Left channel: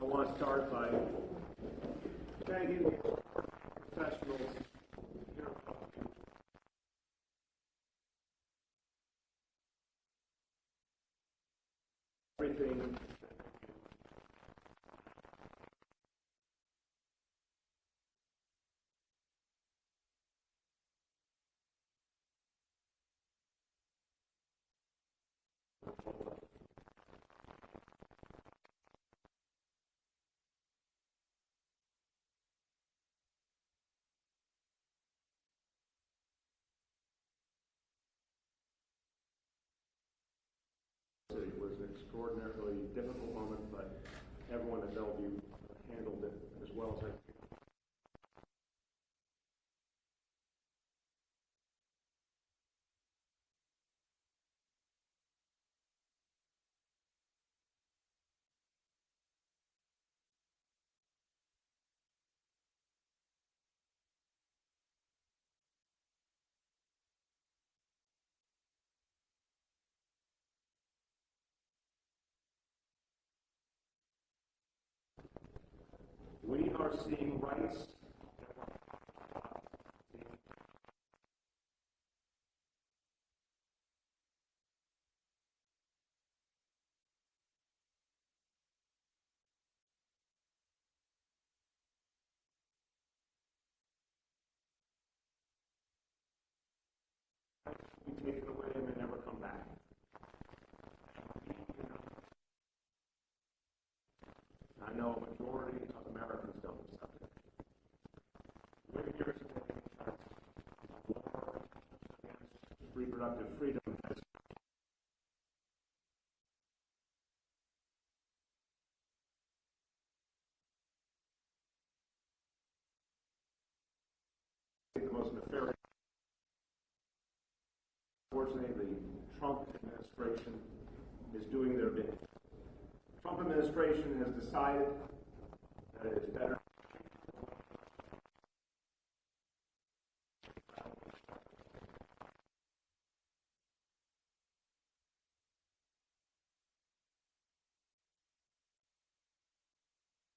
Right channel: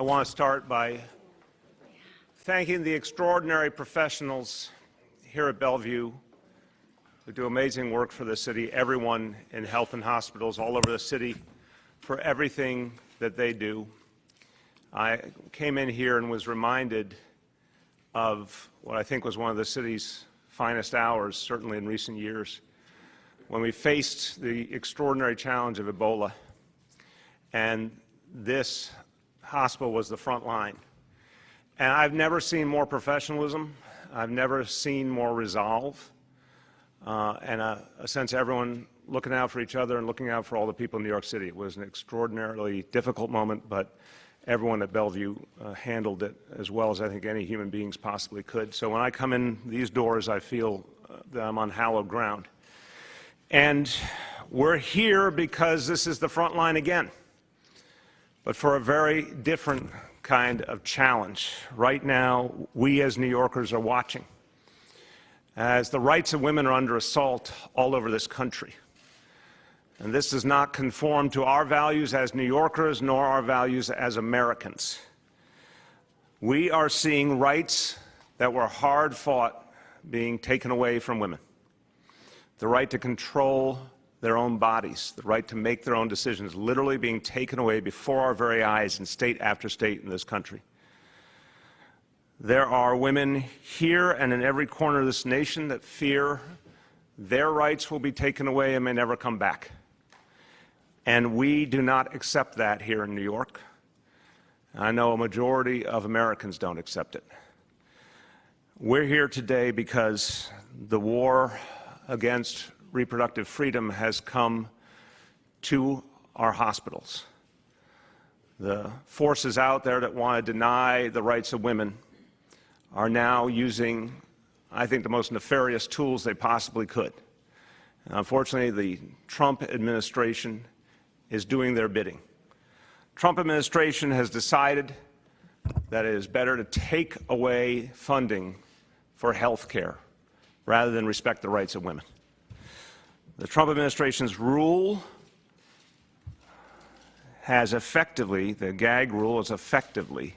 I want to start by thanking the extraordinary professionals here at Bellevue who do amazing work for the city, everyone in health and hospitals all over the city for everything that they do. I came in here and was reminded of what I think was one of the city's finest hours, certainly in recent years, when we faced the extraordinary challenge of Ebola. And this hospital was the front line. And I've never seen more professionalism. I've never seen more resolve and a sense of everyone looking out for each other and looking out for all the people in New York City. It was an extraordinarily difficult moment, but everyone at Bellevue handled it as well as I think any human beings possibly could. So when I come in these doors, I feel that I'm on hallowed ground. And we're here because this is the front line again, but for a very different kind of challenge. Right now, we as New Yorkers are watching as the rights of women are under assault all over this country. And this does not conform to our values as New Yorkers, nor our values as Americans. We are seeing rights that were hard fought being taken away from women. The right to control their own bodies, the right to make their own decisions, literally being taken away before our very eyes in state after state in this country. There are women here and in every corner of this nation that fear their rights will be taken away and may never come back. And we do not accept that here in New York. I know a majority of Americans don't accept it. We're here today because the war against reproductive freedom has come to our hospitals. The forces out there that want to deny the rights of women are now using, I think, the most nefarious tools they possibly could. And unfortunately, the Trump administration is doing their bidding. Trump administration has decided that it is better to take away funding for health care rather than respect the rights of women. The Trump administration's rule has effectively, the gag rule has effectively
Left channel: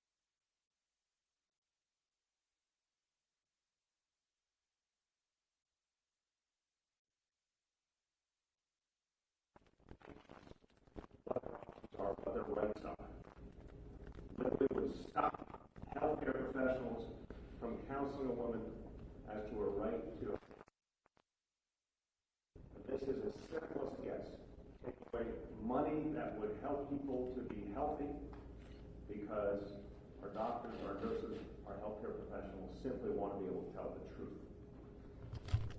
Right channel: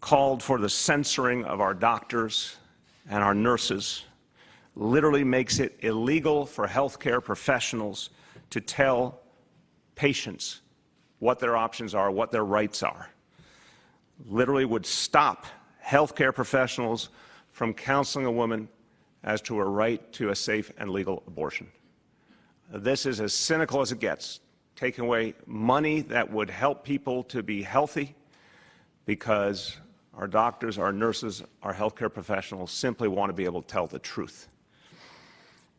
called for the censoring of our doctors and our nurses, literally makes it illegal for healthcare professionals to tell patients what their options are, what their rights are. Literally would stop healthcare professionals from counseling a woman as to her right to a safe and legal abortion. This is as cynical as it gets, taking away money that would help people to be healthy because our doctors, our nurses, our healthcare professionals simply want to be able to tell the truth.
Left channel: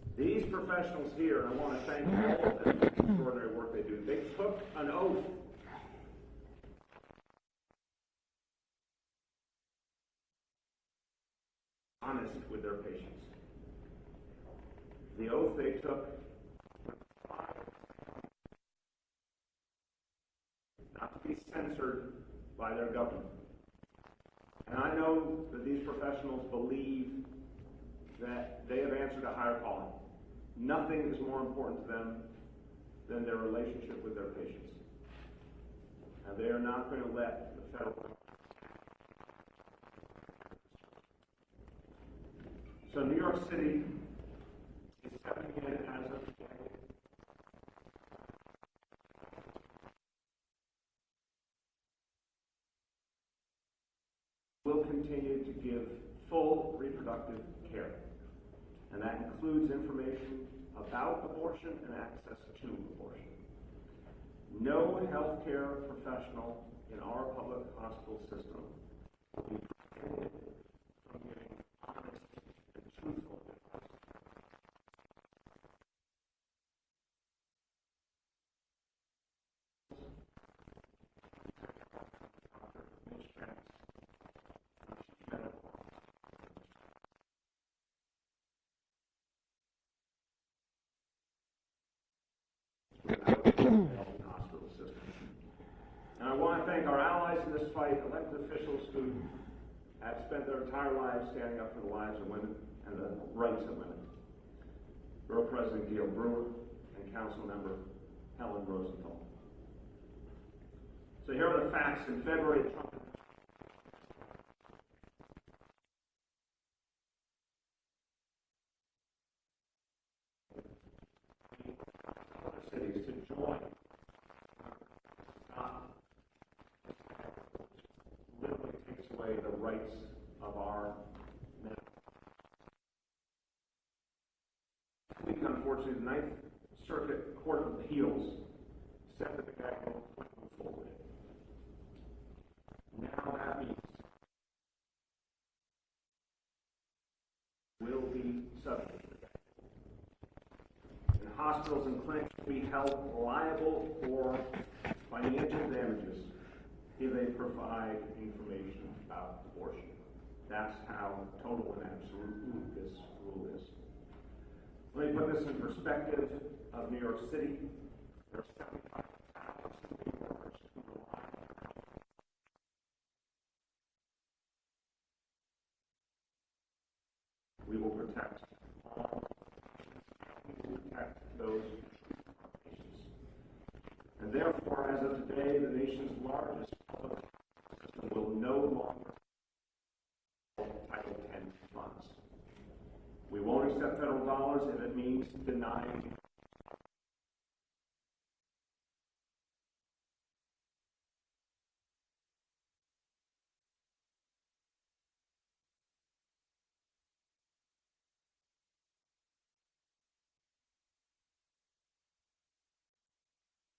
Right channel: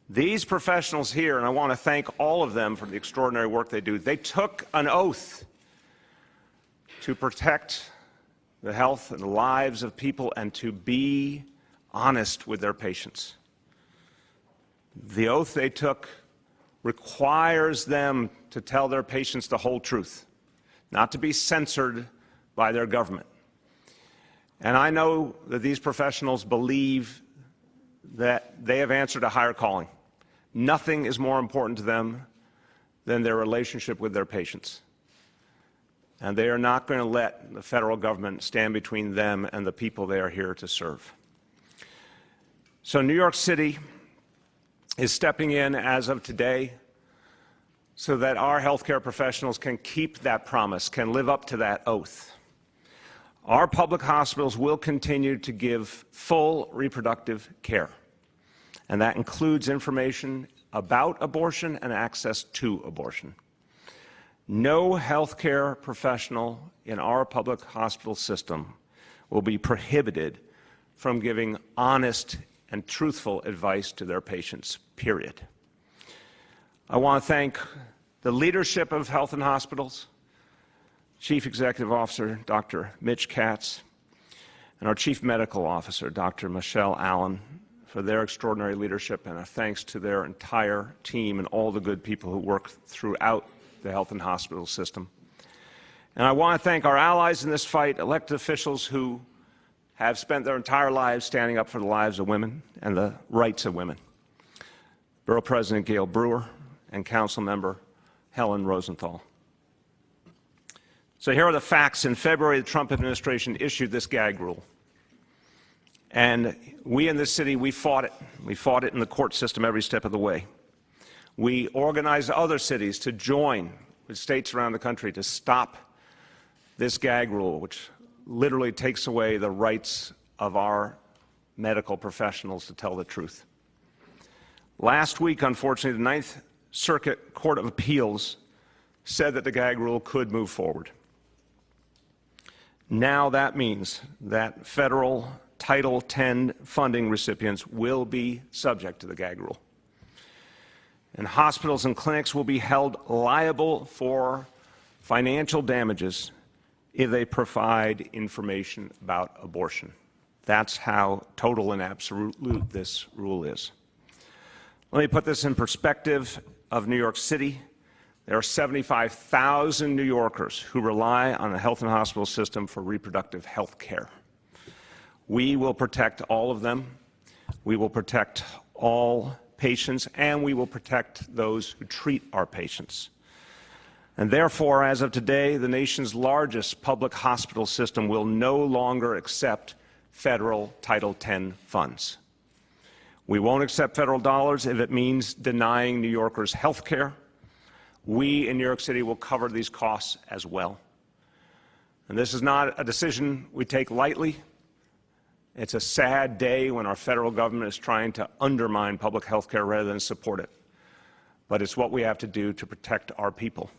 These professionals here, and I want to thank all of them for the extraordinary work they do, they took an oath to protect the health and the lives of people and to be honest with their patients. The oath they took requires them to tell their patients the whole truth, not to be censored by their government. And I know that these professionals believe that they have answered a higher calling. Nothing is more important to them than their relationship with their patients. And they are not going to let the federal government stand between them and the people they are here to serve. So New York City is stepping in as of today so that our healthcare professionals can keep that promise, can live up to that oath. Our public hospitals will continue to give full reproductive care, and that includes information about abortion and access to abortion. No healthcare professional in our public hospital system will be prohibited from giving honest and truthful advice to their patients, period. I want to thank the leadership of Health and Hospitals, Chief Executive Officer Dr. Mitch Katz, and our Chief Medical Officer Dr. Michelle Allen for their extraordinary leadership, and a thanks to their entire team and all the good people who work throughout the health and hospital system. And I want to thank our allies in this fight, elected officials who have spent their entire lives standing up for the lives of women and the rights of women. Borough President Gail Brewer and Council Member Helen Rosenthal. So here are the facts. In February, the Trump administration issued this gag rule. And we in this city, we fought it. We fought it in the court system every step of the way. We organized other cities to join with states around the country to stop this gag rule, which literally takes away the rights of our medical professionals to tell the truth. Last week, unfortunately, the Ninth Circuit Court of Appeals said that the gag rule could move forward. Now that means that federal Title X funding recipients will be subject to the gag rule. And hospitals and clinics will be held liable for financial damages if they provide information about abortion. That's how total and absolute this rule is. Let me put this in perspective of New York City. There are 75,000 New Yorkers who rely on the health and hospital system for reproductive health care. We will protect all of them. We will protect all patients, and we will protect those who treat our patients. And therefore, as of today, the nation's largest public hospital system will no longer accept federal Title X funds. We won't accept federal dollars if it means denying New Yorkers health care. We in New York City will cover these costs as well. And this is not a decision we take lightly. It's a sad day when our federal government is trying to undermine public health care rather than support it. But it's what we have to do to protect our people.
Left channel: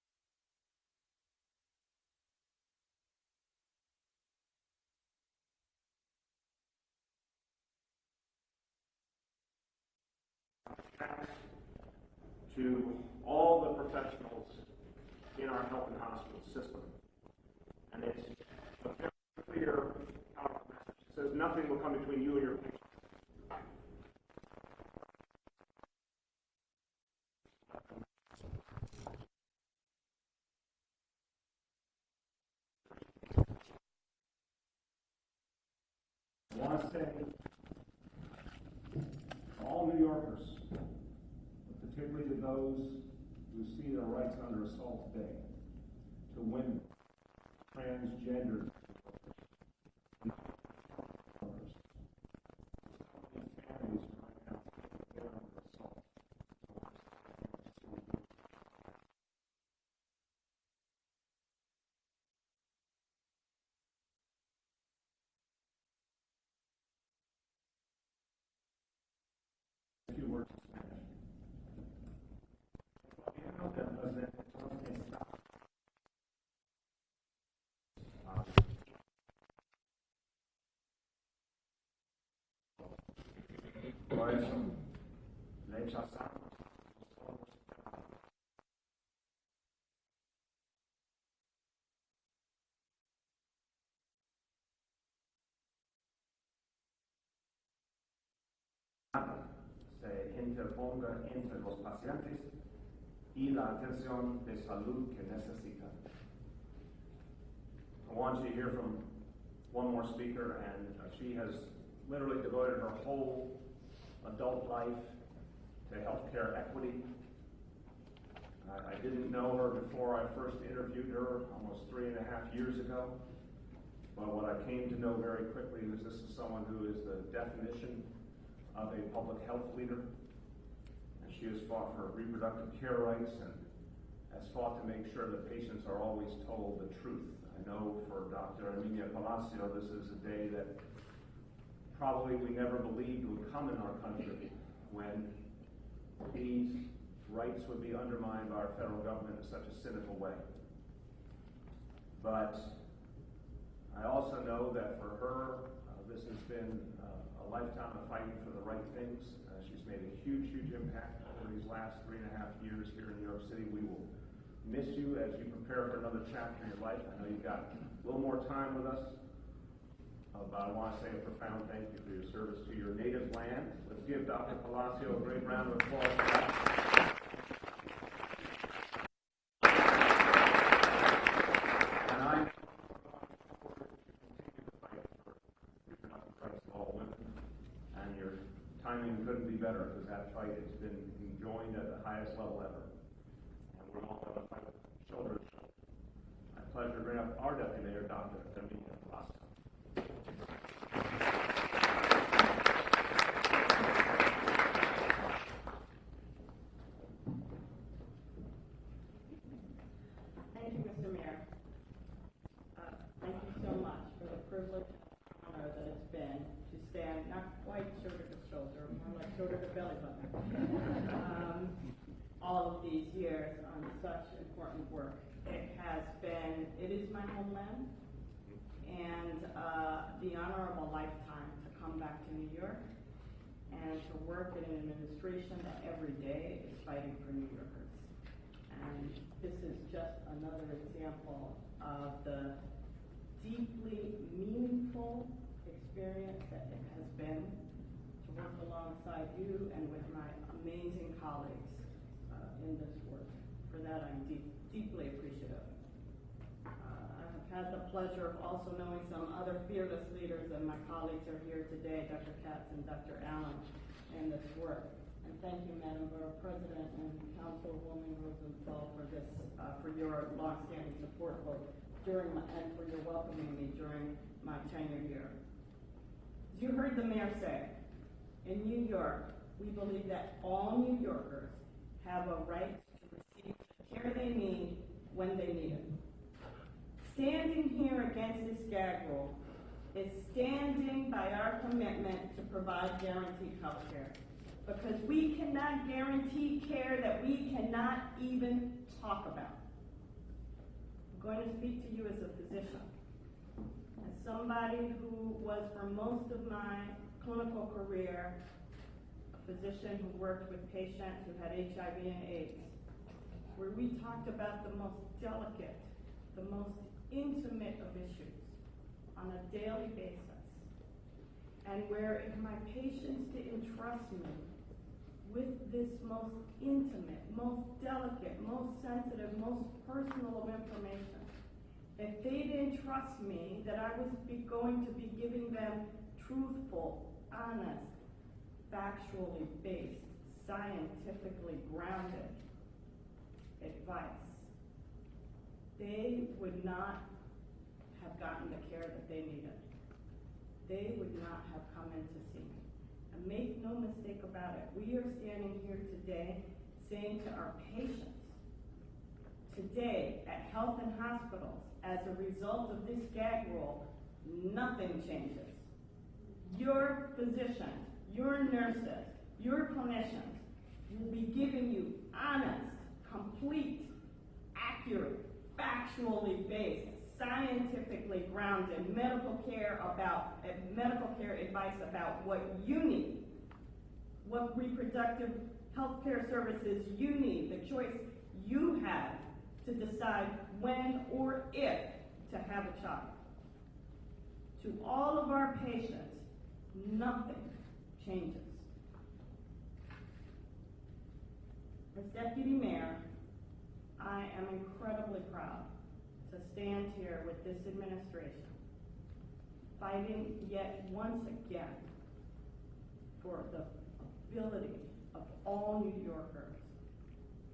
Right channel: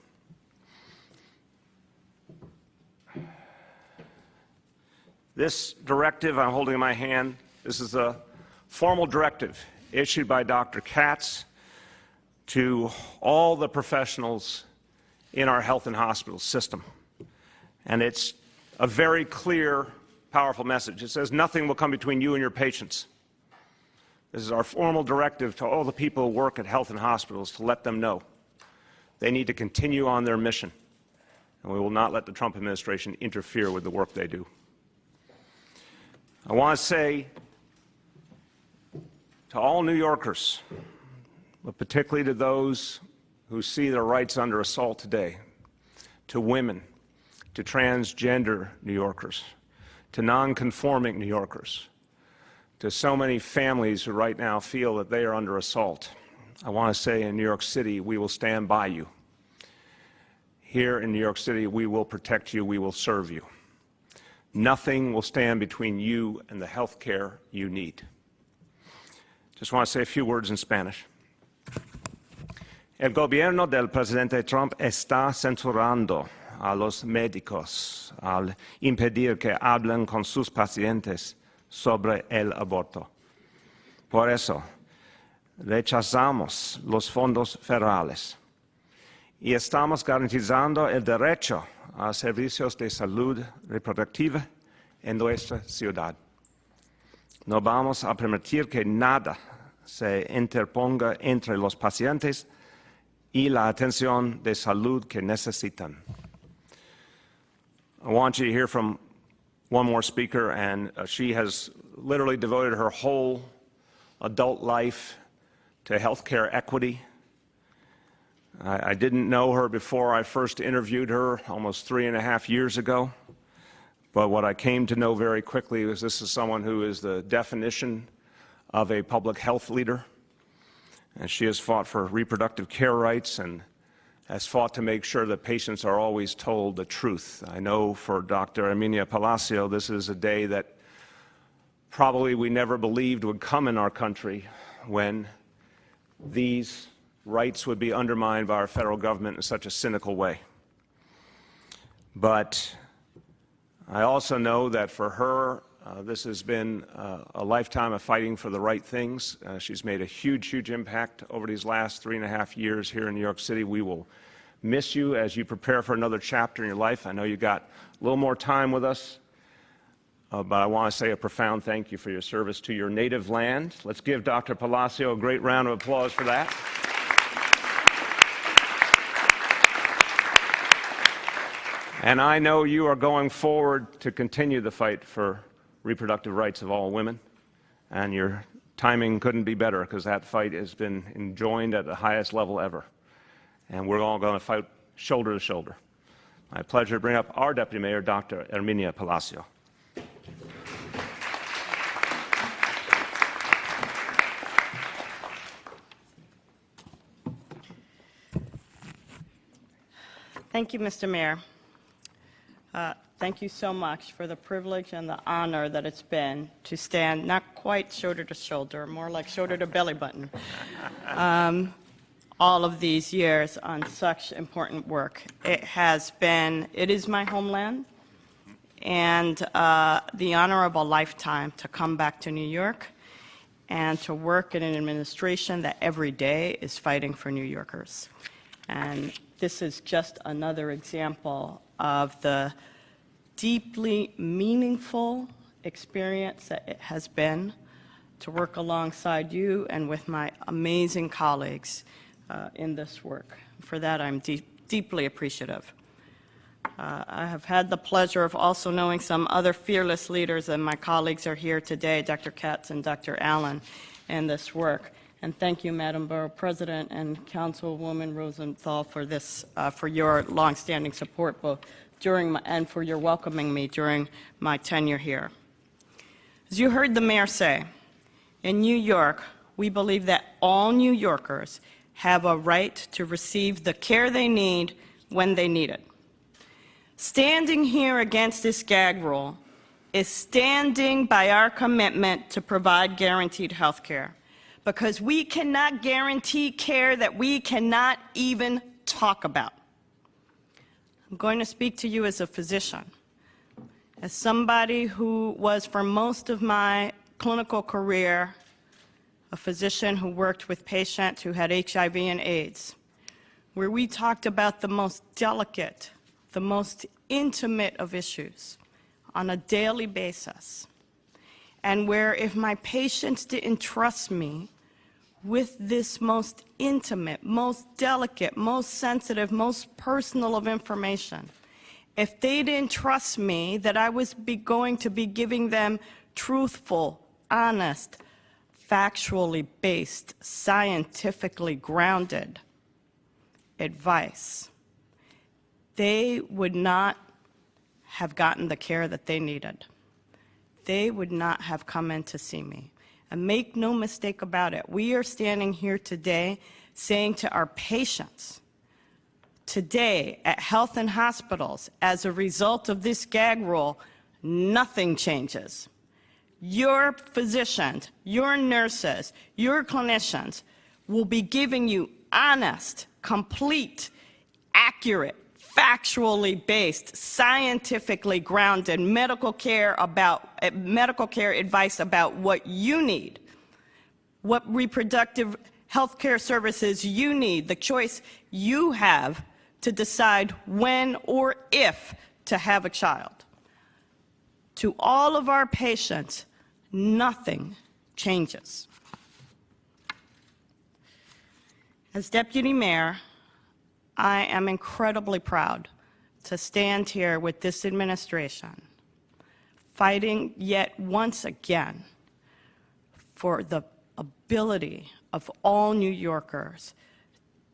This directive I'm holding in my hand, this is a formal directive issued by Dr. Katz to all the professionals in our health and hospital system. And it's a very clear, powerful message. It says nothing will come between you and your patients. This is our formal directive to all the people who work at health and hospitals to let them know they need to continue on their mission, and we will not let the Trump administration interfere with the work they do. I want to say to all New Yorkers, but particularly to those who see their rights under assault today, to women, to transgender New Yorkers, to nonconforming New Yorkers, to so many families who right now feel that they are under assault, I want to say in New York City, we will stand by you. Here in New York City, we will protect you, we will serve you. Nothing will stand between you and the health care you need. Just want to say a few words in Spanish. El gobierno del presidente Trump está censurando a los médicos al impedir que hablen con sus pacientes sobre el aborto. Por eso, rechazamos los fondos federales y estamos garantizando el derecho a servicios de salud reproductiva en nuestra ciudad. No vamos a permitir que nada se interponga entre los pacientes y la atención de salud que necesitan. I want you to hear from one more speaker, and she has literally devoted her whole adult life to healthcare equity. I didn't know her before I first interviewed her almost 3.5 years ago, but what I came to know very quickly was this is someone who is the definition of a public health leader, and she has fought for reproductive care rights and has fought to make sure that patients are always told the truth. I know for Dr. Emilia Blasio, this is a day that probably we never believed would come in our country when these rights would be undermined by our federal government in such a cynical way. But I also know that for her, this has been a lifetime of fighting for the right things. She's made a huge, huge impact over these last 3.5 years here in New York City. We will miss you as you prepare for another chapter in your life. I know you got a little more time with us, but I want to say a profound thank you for your service to your native land. Let's give Dr. Blasio a great round of applause for that. And I know you are going forward to continue the fight for reproductive rights of all women, and your timing couldn't be better because that fight has been enjoined at the highest level ever. And we're all going to fight shoulder to shoulder. My pleasure to bring up our Deputy Mayor, Dr. Herminia Blasio. Thank you, Mr. Mayor. Thank you so much for the privilege and the honor that it's been to stand not quite shoulder to shoulder, more like shoulder to belly button, all of these years on such important work. It is my homeland, and the honor of a lifetime to come back to New York and to work in an administration that every day is fighting for New Yorkers. And this is just another example of the deeply meaningful experience that it has been to work alongside you and with my amazing colleagues in this work. For that, I'm deeply appreciative. I have had the pleasure of also knowing some other fearless leaders, and my colleagues are here today, Dr. Katz and Dr. Allen, in this work. And thank you, Madam Borough President and Councilwoman Rosenthal, for this, for your longstanding support, both during and for your welcoming me during my tenure here. As you heard the mayor say, in New York, we believe that all New Yorkers have a right to receive the care they need when they need it. Standing here against this gag rule is standing by our commitment to provide guaranteed health care, because we cannot guarantee care that we cannot even talk about. I'm going to speak to you as a physician, as somebody who was, for most of my clinical career, a physician who worked with patients who had HIV and AIDS, where we talked about the most delicate, the most intimate of issues on a daily basis, and where if my patients didn't trust me with this most intimate, most delicate, most sensitive, most personal of information, if they didn't trust me that I was going to be giving them truthful, honest, factually based, scientifically grounded advice, they would not have gotten the care that they needed. They would not have come in to see me. And make no mistake about it, we are standing here today saying to our patients, today at health and hospitals, as a result of this gag rule, nothing changes. Your physicians, your nurses, your clinicians will be giving you honest, complete, accurate, factually based, scientifically grounded medical care advice about what you need, what reproductive health care services you need, the choice you have to decide when or if to have a child. To all of our patients, nothing changes. As Deputy Mayor, I am incredibly proud to stand here with this administration, fighting yet once again for the ability of all New Yorkers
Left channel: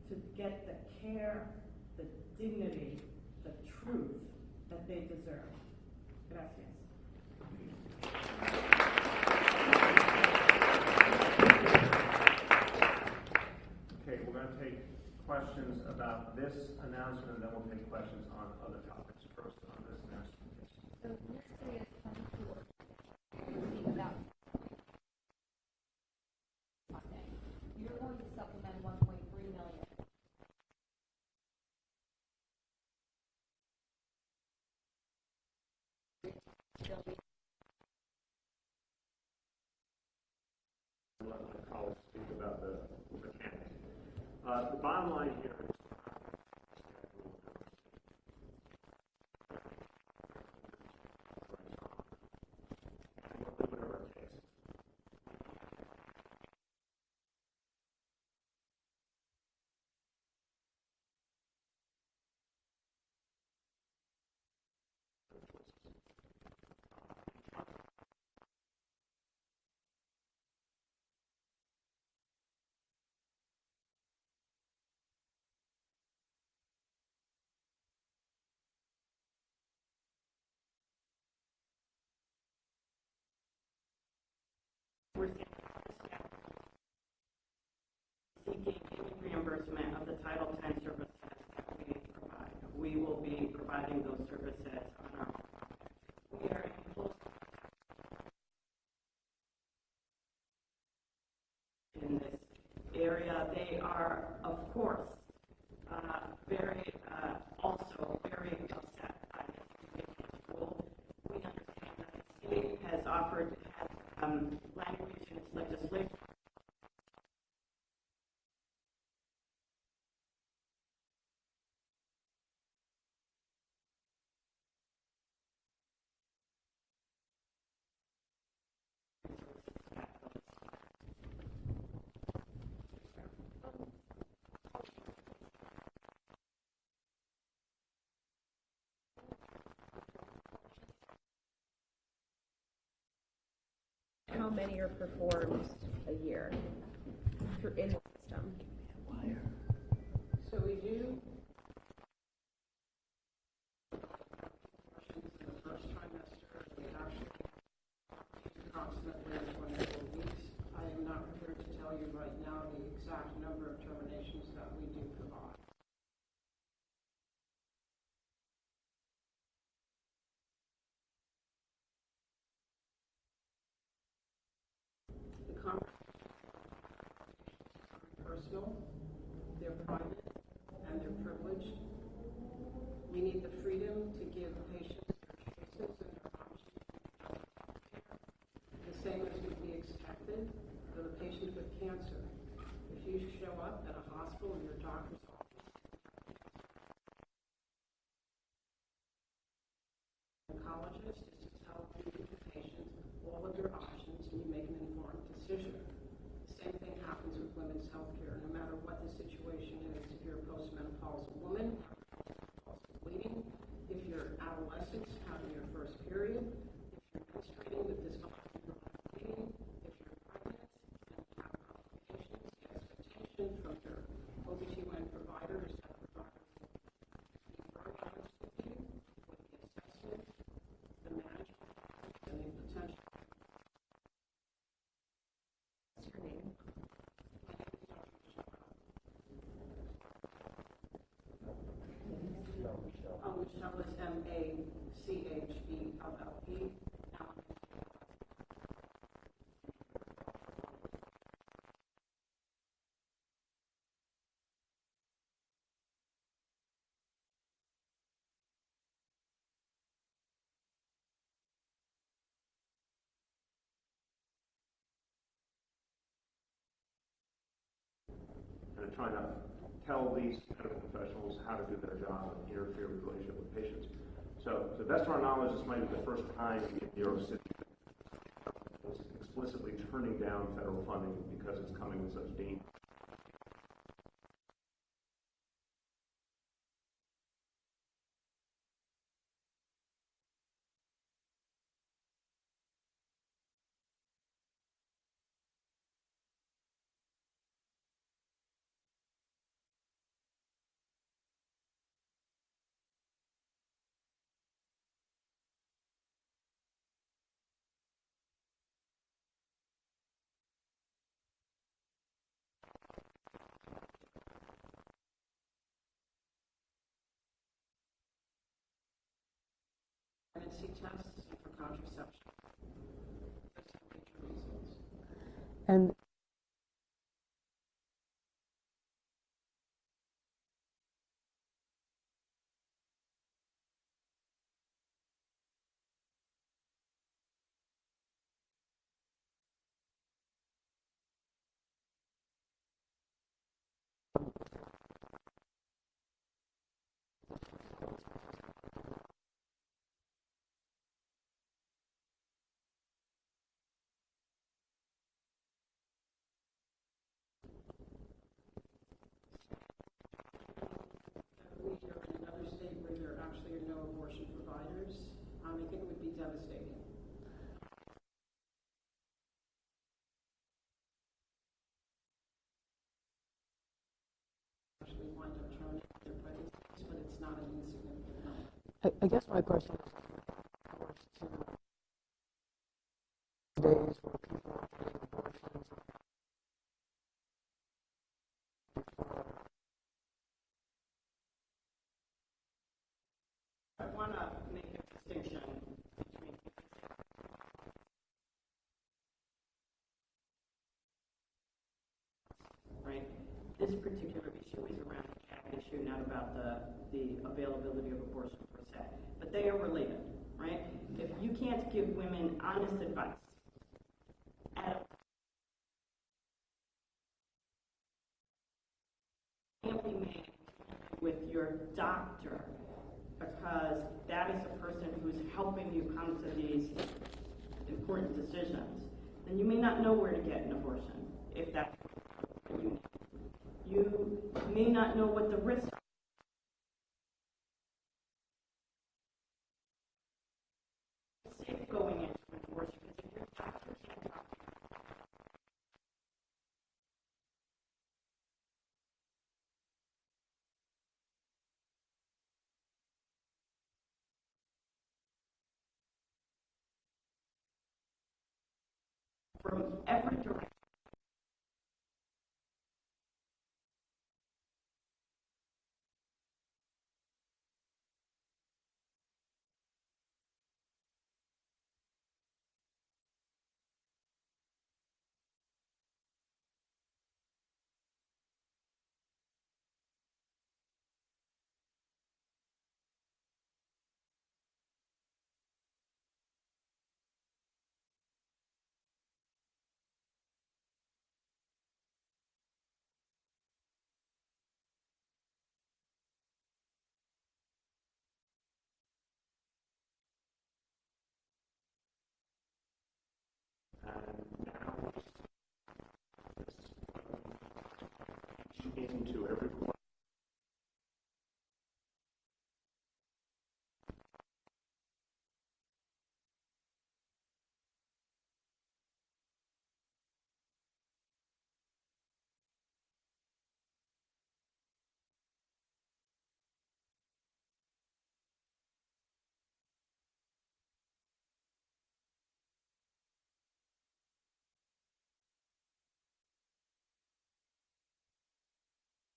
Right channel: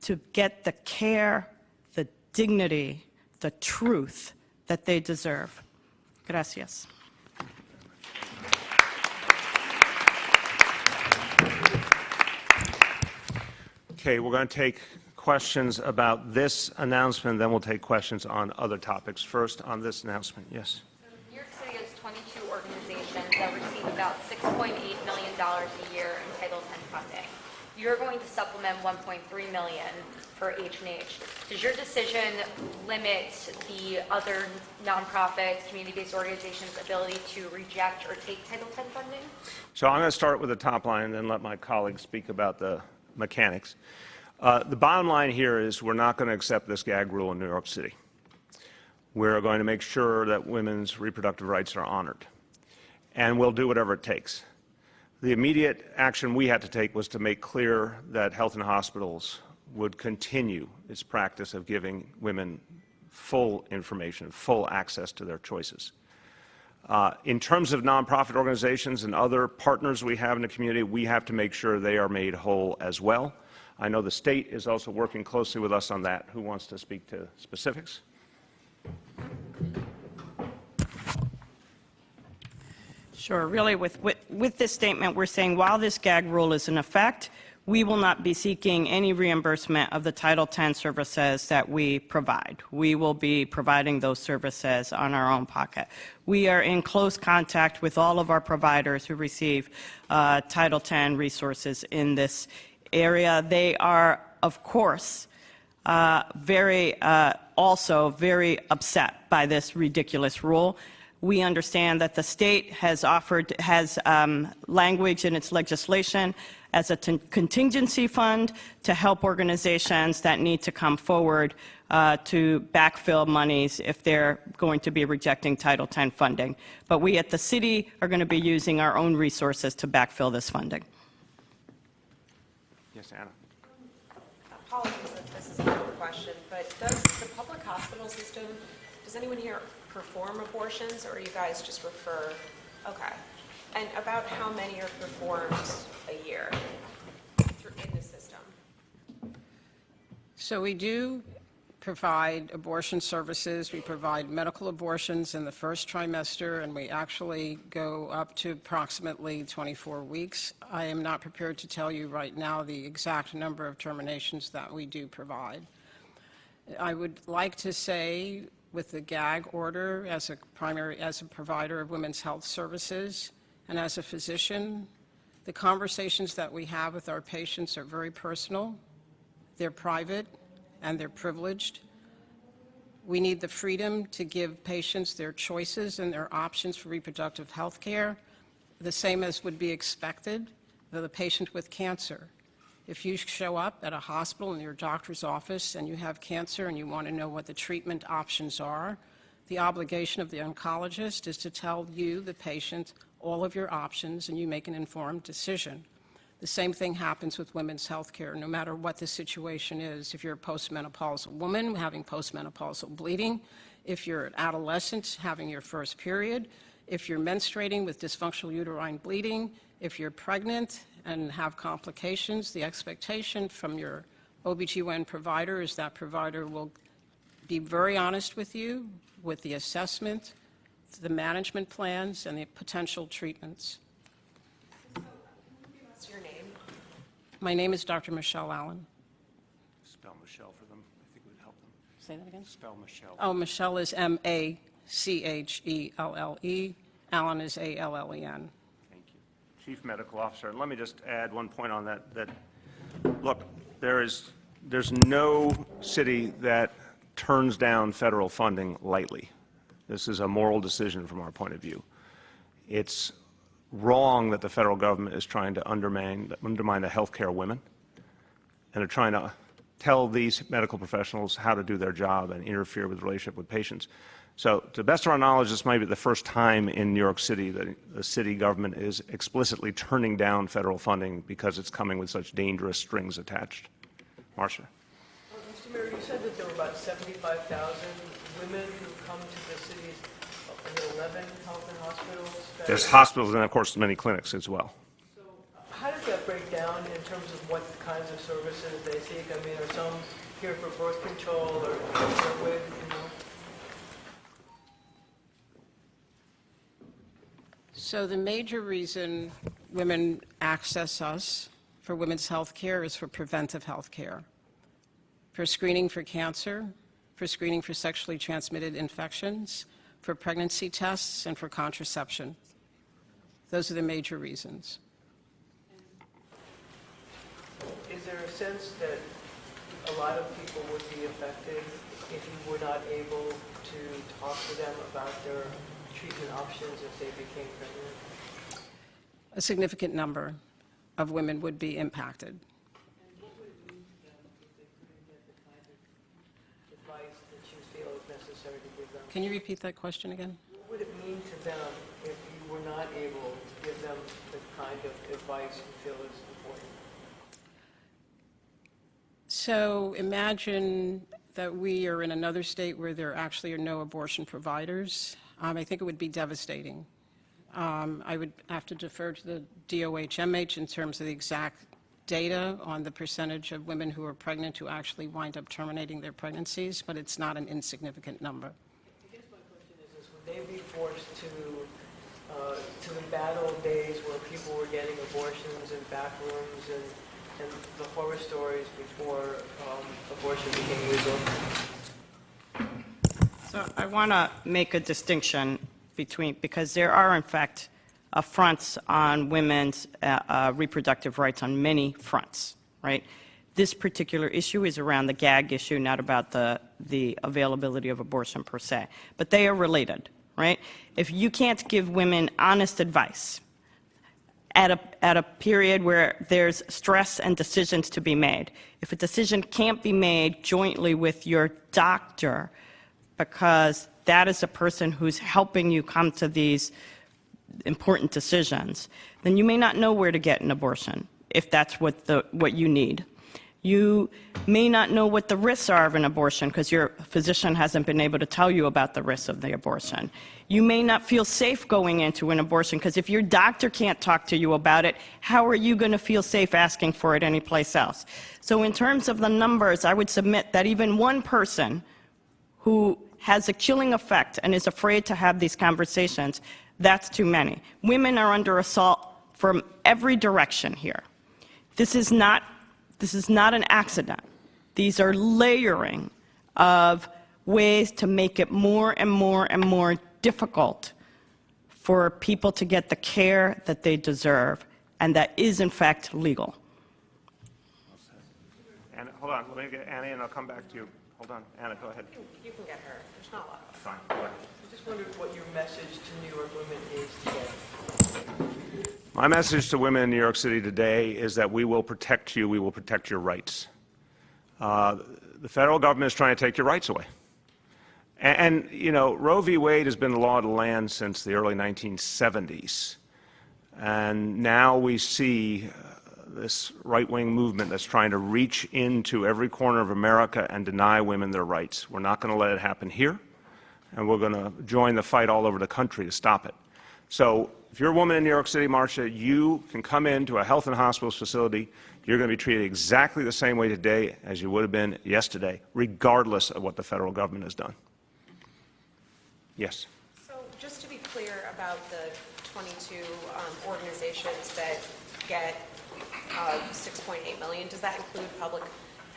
to get the care, the dignity, the truth that they deserve. Gracias. Okay, we're going to take questions about this announcement, then we'll take questions on other topics. First, on this announcement, yes. So New York City has 22 organizations that receive about $6.8 million a year in Title X funding. You're going to supplement $1.3 million for H&H. Does your decision limit the other nonprofits, community-based organizations' ability to reject or take Title X funding? So I'm going to start with the top line and then let my colleagues speak about the mechanics. The bottom line here is we're not going to accept this gag rule in New York City. We're going to make sure that women's reproductive rights are honored, and we'll do whatever it takes. The immediate action we had to take was to make clear that health and hospitals would continue its practice of giving women full information, full access to their choices. In terms of nonprofit organizations and other partners we have in the community, we have to make sure they are made whole as well. I know the state is also working closely with us on that. Who wants to speak to specifics? Sure. Really, with this statement, we're saying while this gag rule is in effect, we will not be seeking any reimbursement of the Title X services that we provide. We will be providing those services on our own pocket. We are in close contact with all of our providers who receive Title X resources in this area. They are, of course, also very upset by this ridiculous rule. We understand that the state has language in its legislation as a contingency fund to help organizations that need to come forward to backfill monies if they're going to be rejecting Title X funding. But we at the city are going to be using our own resources to backfill this funding. Yes, Anna. Apologies if this is a dumb question, but does the public hospital system, does anyone here perform abortions, or you guys just refer? Okay. And about how many are performed a year in the system? So we do provide abortion services. We provide medical abortions in the first trimester, and we actually go up to approximately 24 weeks. I am not prepared to tell you right now the exact number of terminations that we do provide. I would like to say, with the gag order, as a provider of women's health services and as a physician, the conversations that we have with our patients are very personal, they're private, and they're privileged. We need the freedom to give patients their choices and their options for reproductive health care, the same as would be expected of a patient with cancer. If you show up at a hospital in your doctor's office and you have cancer and you want to know what the treatment options are, the obligation of the oncologist is to tell you, the patient, all of your options, and you make an informed decision. The same thing happens with women's health care, no matter what the situation is. If you're a postmenopausal woman having postmenopausal bleeding, if you're an adolescent having your first period, if you're menstruating with dysfunctional uterine bleeding, if you're pregnant and have complications, the expectation from your OBGYN provider is that provider will be very honest with you with the assessment, the management plans, and the potential treatments. What's your name? My name is Dr. Michelle Allen. Spell Michelle for them. I think it would help. Say that again? Spell Michelle. Oh, Michelle is M-A-C-H-E-L-L-E. Allen is A-L-L-E-N. Thank you. Chief Medical Officer, and let me just add one point on that. Look, there's no city that turns down federal funding lightly. This is a moral decision from our point of view. It's wrong that the federal government is trying to undermine the health care of women, and they're trying to tell these medical professionals how to do their job and interfere with the relationship with patients. So, to the best of our knowledge, this might be the first time in New York City that the city government is explicitly turning down federal funding because it's coming with such dangerous strings attached. Marcia. Mr. Mayor, you said that there were about 75,000 women who come to the city's 11 health and hospitals. There's hospitals and, of course, many clinics as well. So how does that break down in terms of what kinds of services they seek? I mean, are some here for birth control or with, you know? So the major reason women access us for women's health care is for preventive health care, for screening for cancer, for screening for sexually transmitted infections, for pregnancy tests, and for contraception. Those are the major reasons. And is there a sense that a lot of people would be affected if you were not able to talk to them about their treatment options if they became pregnant? A significant number of women would be impacted. Advice that you feel is necessary to give them? Can you repeat that question again? What would it mean to them if you were not able to give them the kind of advice you feel is important? So imagine that we are in another state where there actually are no abortion providers. I think it would be devastating. I would have to defer to the DOHMH in terms of the exact data on the percentage of women who are pregnant who actually wind up terminating their pregnancies, but it's not an insignificant number. I guess my question is would they be forced to days where people were getting abortions in back rooms and the horror stories before abortion became legal. So I want to make a distinction between, because there are, in fact, affronts on women's reproductive rights on many fronts, right? This particular issue is around the gag issue, not about the availability of abortion per se. But they are related, right? If you can't give women honest advice at a period where there's stress and decisions to be made, if a decision can't be made jointly with your doctor, because that is a person who's helping you come to these important decisions, then you may not know where to get an abortion, if that's what you need. You may not know what the risks are of an abortion because your physician hasn't been able to tell you about the risks of the abortion. You may not feel safe going into an abortion because if your doctor can't talk to you about it, how are you going to feel safe asking for it anyplace else? So in terms of the numbers, I would submit that even one person who has a killing effect and is afraid to have these conversations, that's too many. Women are under assault from every direction here. This is not an accident. These are layering of ways to make it more and more and more difficult for people to get the care that they deserve and that is, in fact, legal. And hold on, let me get Annie, and I'll come back to you. Hold on, Anna, go ahead. You can get her. There's not a lot of us. Fine, go ahead. I just wondered what your message to New York women is today. My message to women in New York City today is that we will protect you, we will protect your rights. The federal government is trying to take your rights away. And, you know, Roe v. Wade has been the law of the land since the early 1970s. And now we see this right-wing movement that's trying to reach into every corner of America and deny women their rights. We're not going to let it happen here, and we're going to join the fight all over the country to stop it. So if you're a woman in New York City, Marcia, you can come into a health and hospitals facility. You're going to be treated exactly the same way today as you would have been yesterday, regardless of what the federal government has done. Yes? So just to be clear about the 22 organizations that get $6.8 million, does that include public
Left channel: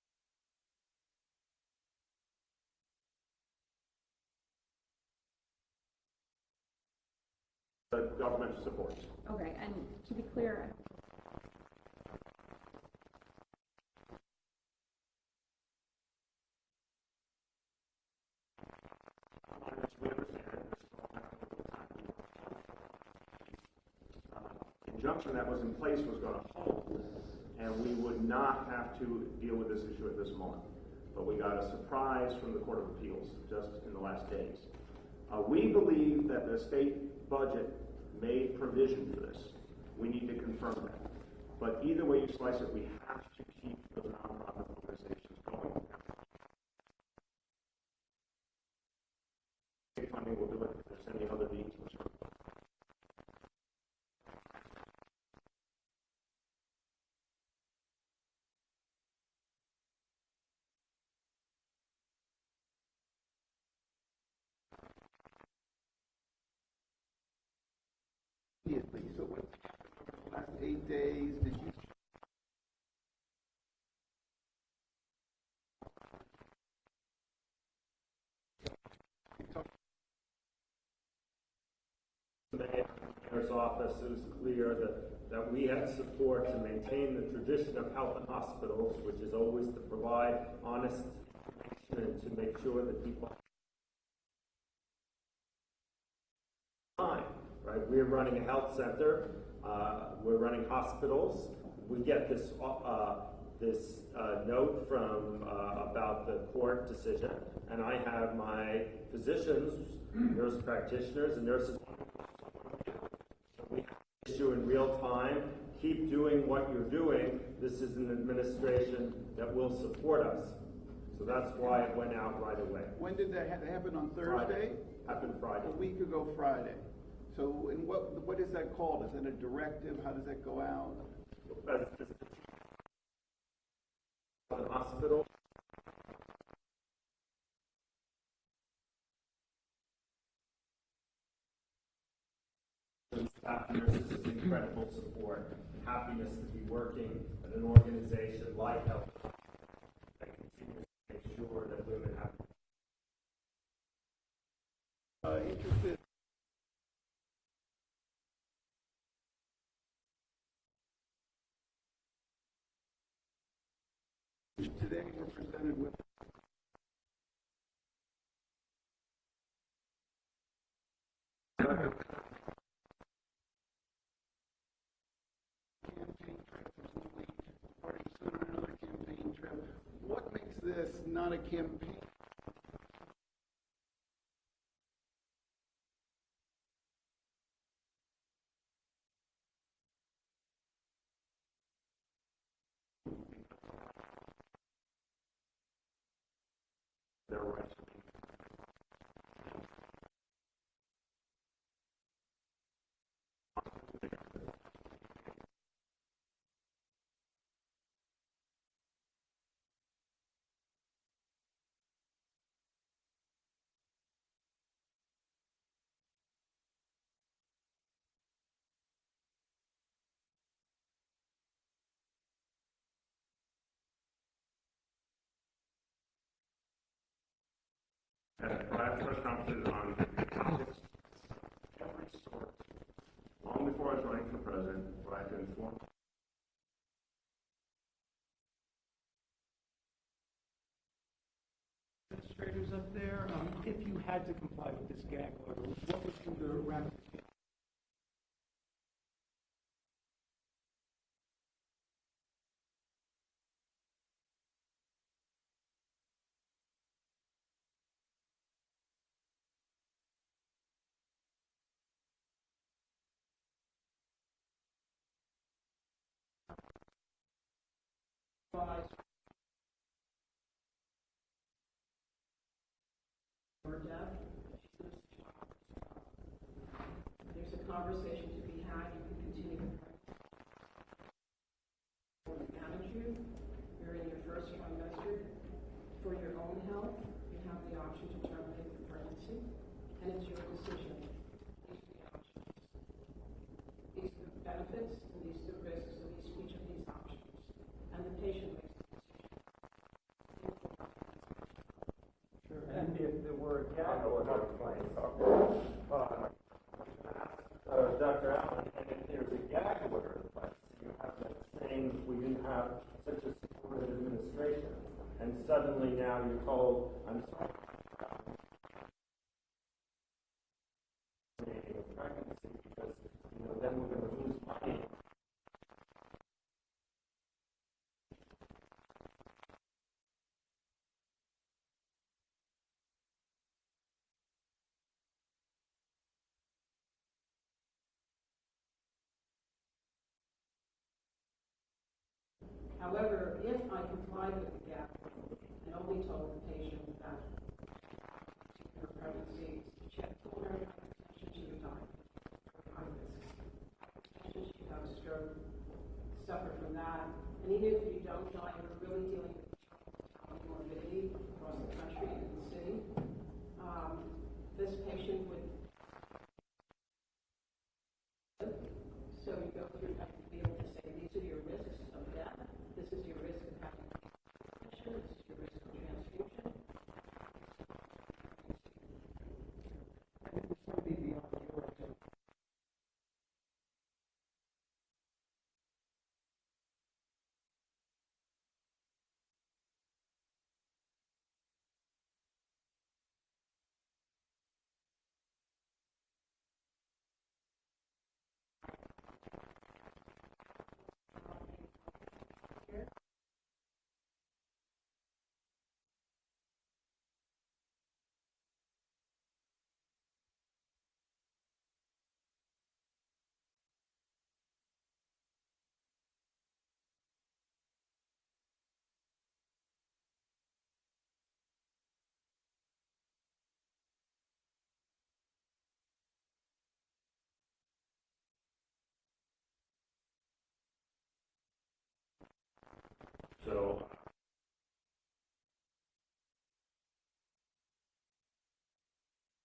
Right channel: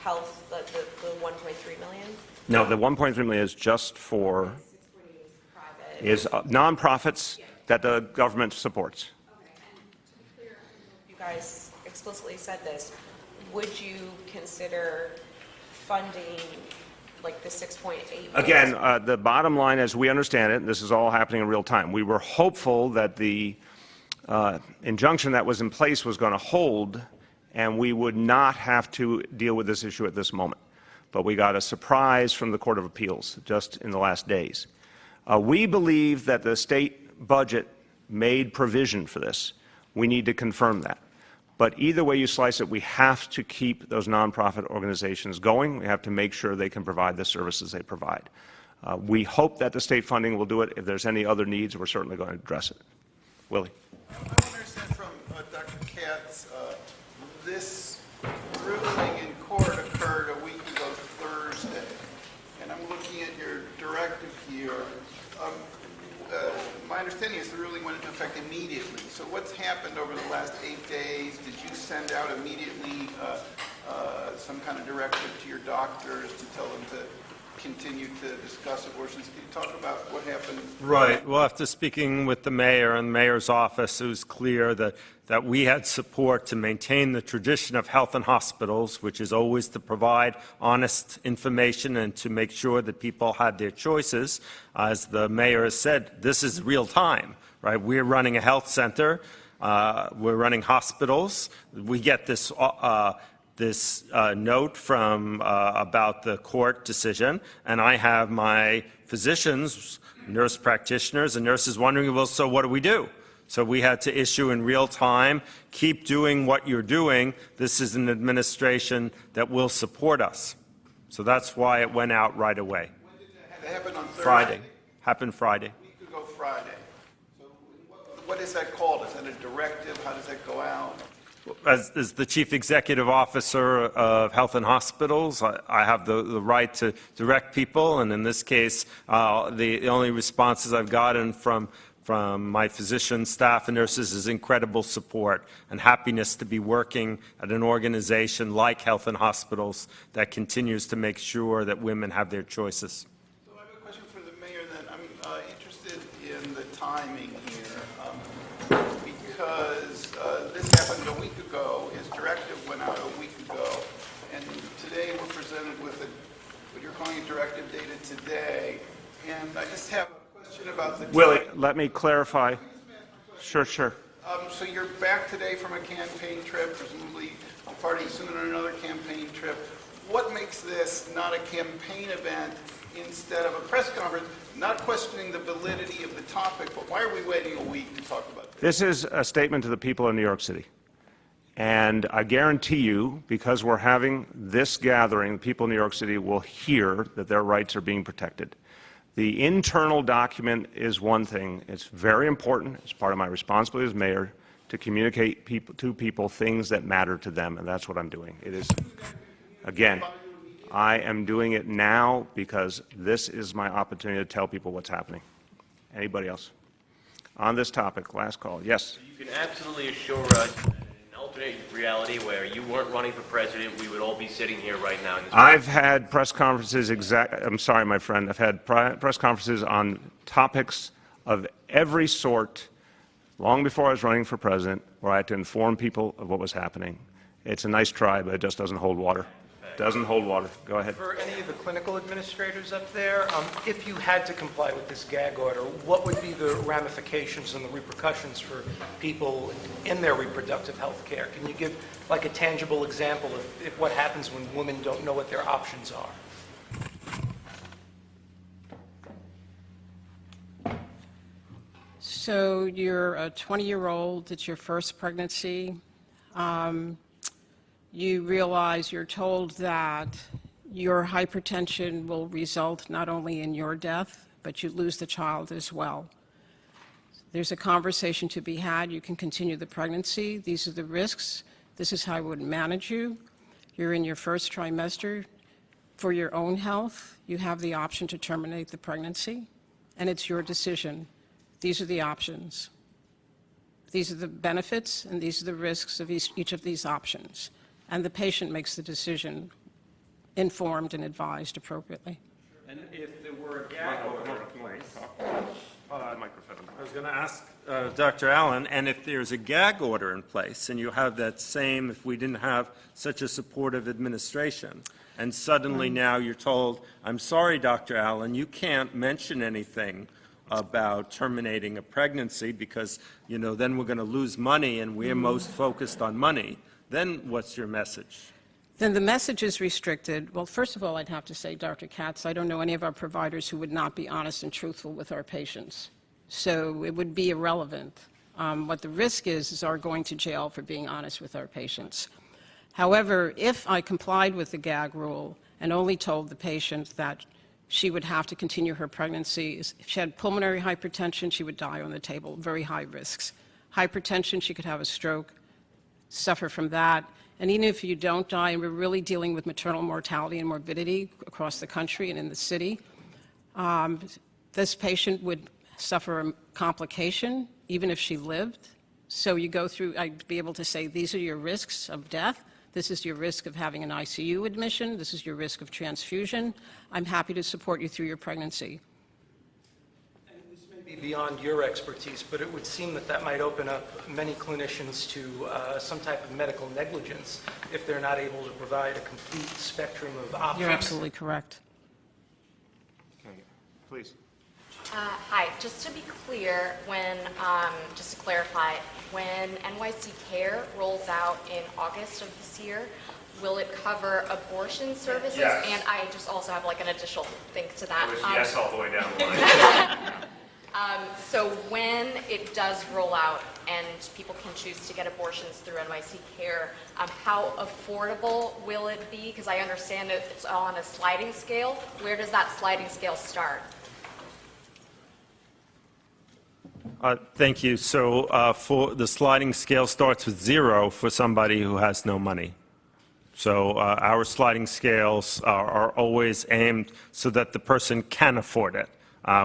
health, the 1.3 million? No, the 1.3 million is just for nonprofits that the government supports. Okay, and to be clear, you guys explicitly said this, would you consider funding like the 6.8 million? Again, the bottom line, as we understand it, this is all happening in real time. We were hopeful that the injunction that was in place was going to hold, and we would not have to deal with this issue at this moment. But we got a surprise from the Court of Appeals just in the last days. We believe that the state budget made provision for this. We need to confirm that. But either way you slice it, we have to keep those nonprofit organizations going. We have to make sure they can provide the services they provide. We hope that the state funding will do it. If there's any other needs, we're certainly going to address it. Willie. I want to understand from Dr. Katz, this ruling in court occurred a week ago Thursday, and I'm looking at your directive here. My understanding is the ruling went into effect immediately. So what's happened over the last 8 days? Did you send out immediately some kind of directive to your doctors to tell them to continue to discuss abortions? Can you talk about what happened? Right. Well, after speaking with the mayor and the mayor's office, it was clear that we had support to maintain the tradition of health and hospitals, which is always to provide honest information and to make sure that people had their choices. As the mayor has said, this is real time, right? We're running a health center. We're running hospitals. We get this note from about the court decision, and I have my physicians, nurse practitioners, and nurses wondering, well, so what do we do? So we had to issue in real time, keep doing what you're doing. This is an administration that will support us. So that's why it went out right away. When did that happen? On Thursday? Friday. Happened Friday. A week ago Friday. So what is that called? Is that a directive? How does that go out? As the Chief Executive Officer of Health and Hospitals, I have the right to direct people, and in this case, the only responses I've gotten from from my physician, staff, and nurses is incredible support and happiness to be working at an organization like Health and Hospitals that continues to make sure that women have their choices. So I have a question for the mayor then. I'm interested in the timing here because this happened a week ago. His directive went out a week ago. And today we're presented with what you're calling a directive dated today. And I just have a question about the Willie, timing. let me clarify. Sure. So you're back today from a campaign trip, presumably departing soon on another campaign trip. What makes this not a campaign event instead of a press conference? Not questioning the validity of the topic, but why are we waiting a week to talk about this? This is a statement to the people of New York City. And I guarantee you, because we're having this gathering, the people in New York City will hear that their rights are being protected. The internal document is one thing. It's very important. It's part of my responsibility as mayor to communicate to people things that matter to them, and that's what I'm doing. It is, again, I am doing it now because this is my opportunity to tell people what's happening. Anybody else? On this topic, last call. Yes? You can absolutely assure us that in an alternate reality where you weren't running for president, we would all be sitting here right now in this. I've had press conferences I'm sorry, my friend. I've had press conferences on topics of every sort long before I was running for president, where I had to inform people of what was happening. It's a nice try, but it just doesn't hold water. Doesn't hold water. Go ahead. For any of the clinical administrators up there, if you had to comply with this gag order, what would be the ramifications and the repercussions for people in their reproductive health care? Can you give like a tangible example of what happens when women don't know what their options are? So you're a 20-year-old, it's your first pregnancy. You realize, you're told that your hypertension will result not only in your death, but you lose the child as well. There's a conversation to be had. You can continue the pregnancy. These are the risks. This is how I would manage you. You're in your first trimester. For your own health, you have the option to terminate the pregnancy, and it's your decision. These are the options. These are the benefits, and these are the risks of each of these options. And the patient makes the decision, informed and advised appropriately. And if there were a gag order in place, I was going to ask Dr. Allen, and if there's a gag order in place, and you have that same, if we didn't have such a supportive administration, and suddenly now you're told, I'm sorry, Dr. Allen, you can't mention anything about terminating a pregnancy because, you know, then we're going to lose money, and we're most focused on money. Then what's your message? Then the message is restricted. Well, first of all, I'd have to say, Dr. Katz, I don't know any of our providers who would not be honest and truthful with our patients. So it would be irrelevant. What the risk is our going to jail for being honest with our patients. However, if I complied with the gag rule and only told the patient that she would have to continue her pregnancy, if she had pulmonary hypertension, she would die on the table, very high risks. Hypertension, she could have a stroke, suffer from that. And even if you don't die, and we're really dealing with maternal mortality and morbidity across the country and in the city, this patient would suffer a complication even if she lived. So you go through, I'd be able to say, these are your risks of death. This is your risk of having an ICU admission. This is your risk of transfusion. I'm happy to support you through your pregnancy. This may be beyond your expertise, but it would seem that that might open up many clinicians to some type of medical negligence if they're not able to provide a complete spectrum of options. You're absolutely correct. Okay. Please. Hi, just to be clear, just to clarify, when NYC Care rolls out in August of this year, will it cover abortion services? Yes. And I just also have like an additional thing to that. Yes all the way down the line. So when it does roll out and people can choose to get abortions through NYC Care, how affordable will it be? Because I understand it's on a sliding scale. Where does that sliding scale start? Thank you. So for the sliding scale starts with 0 for somebody who has no money. So our sliding scales are always aimed so that the person can afford it.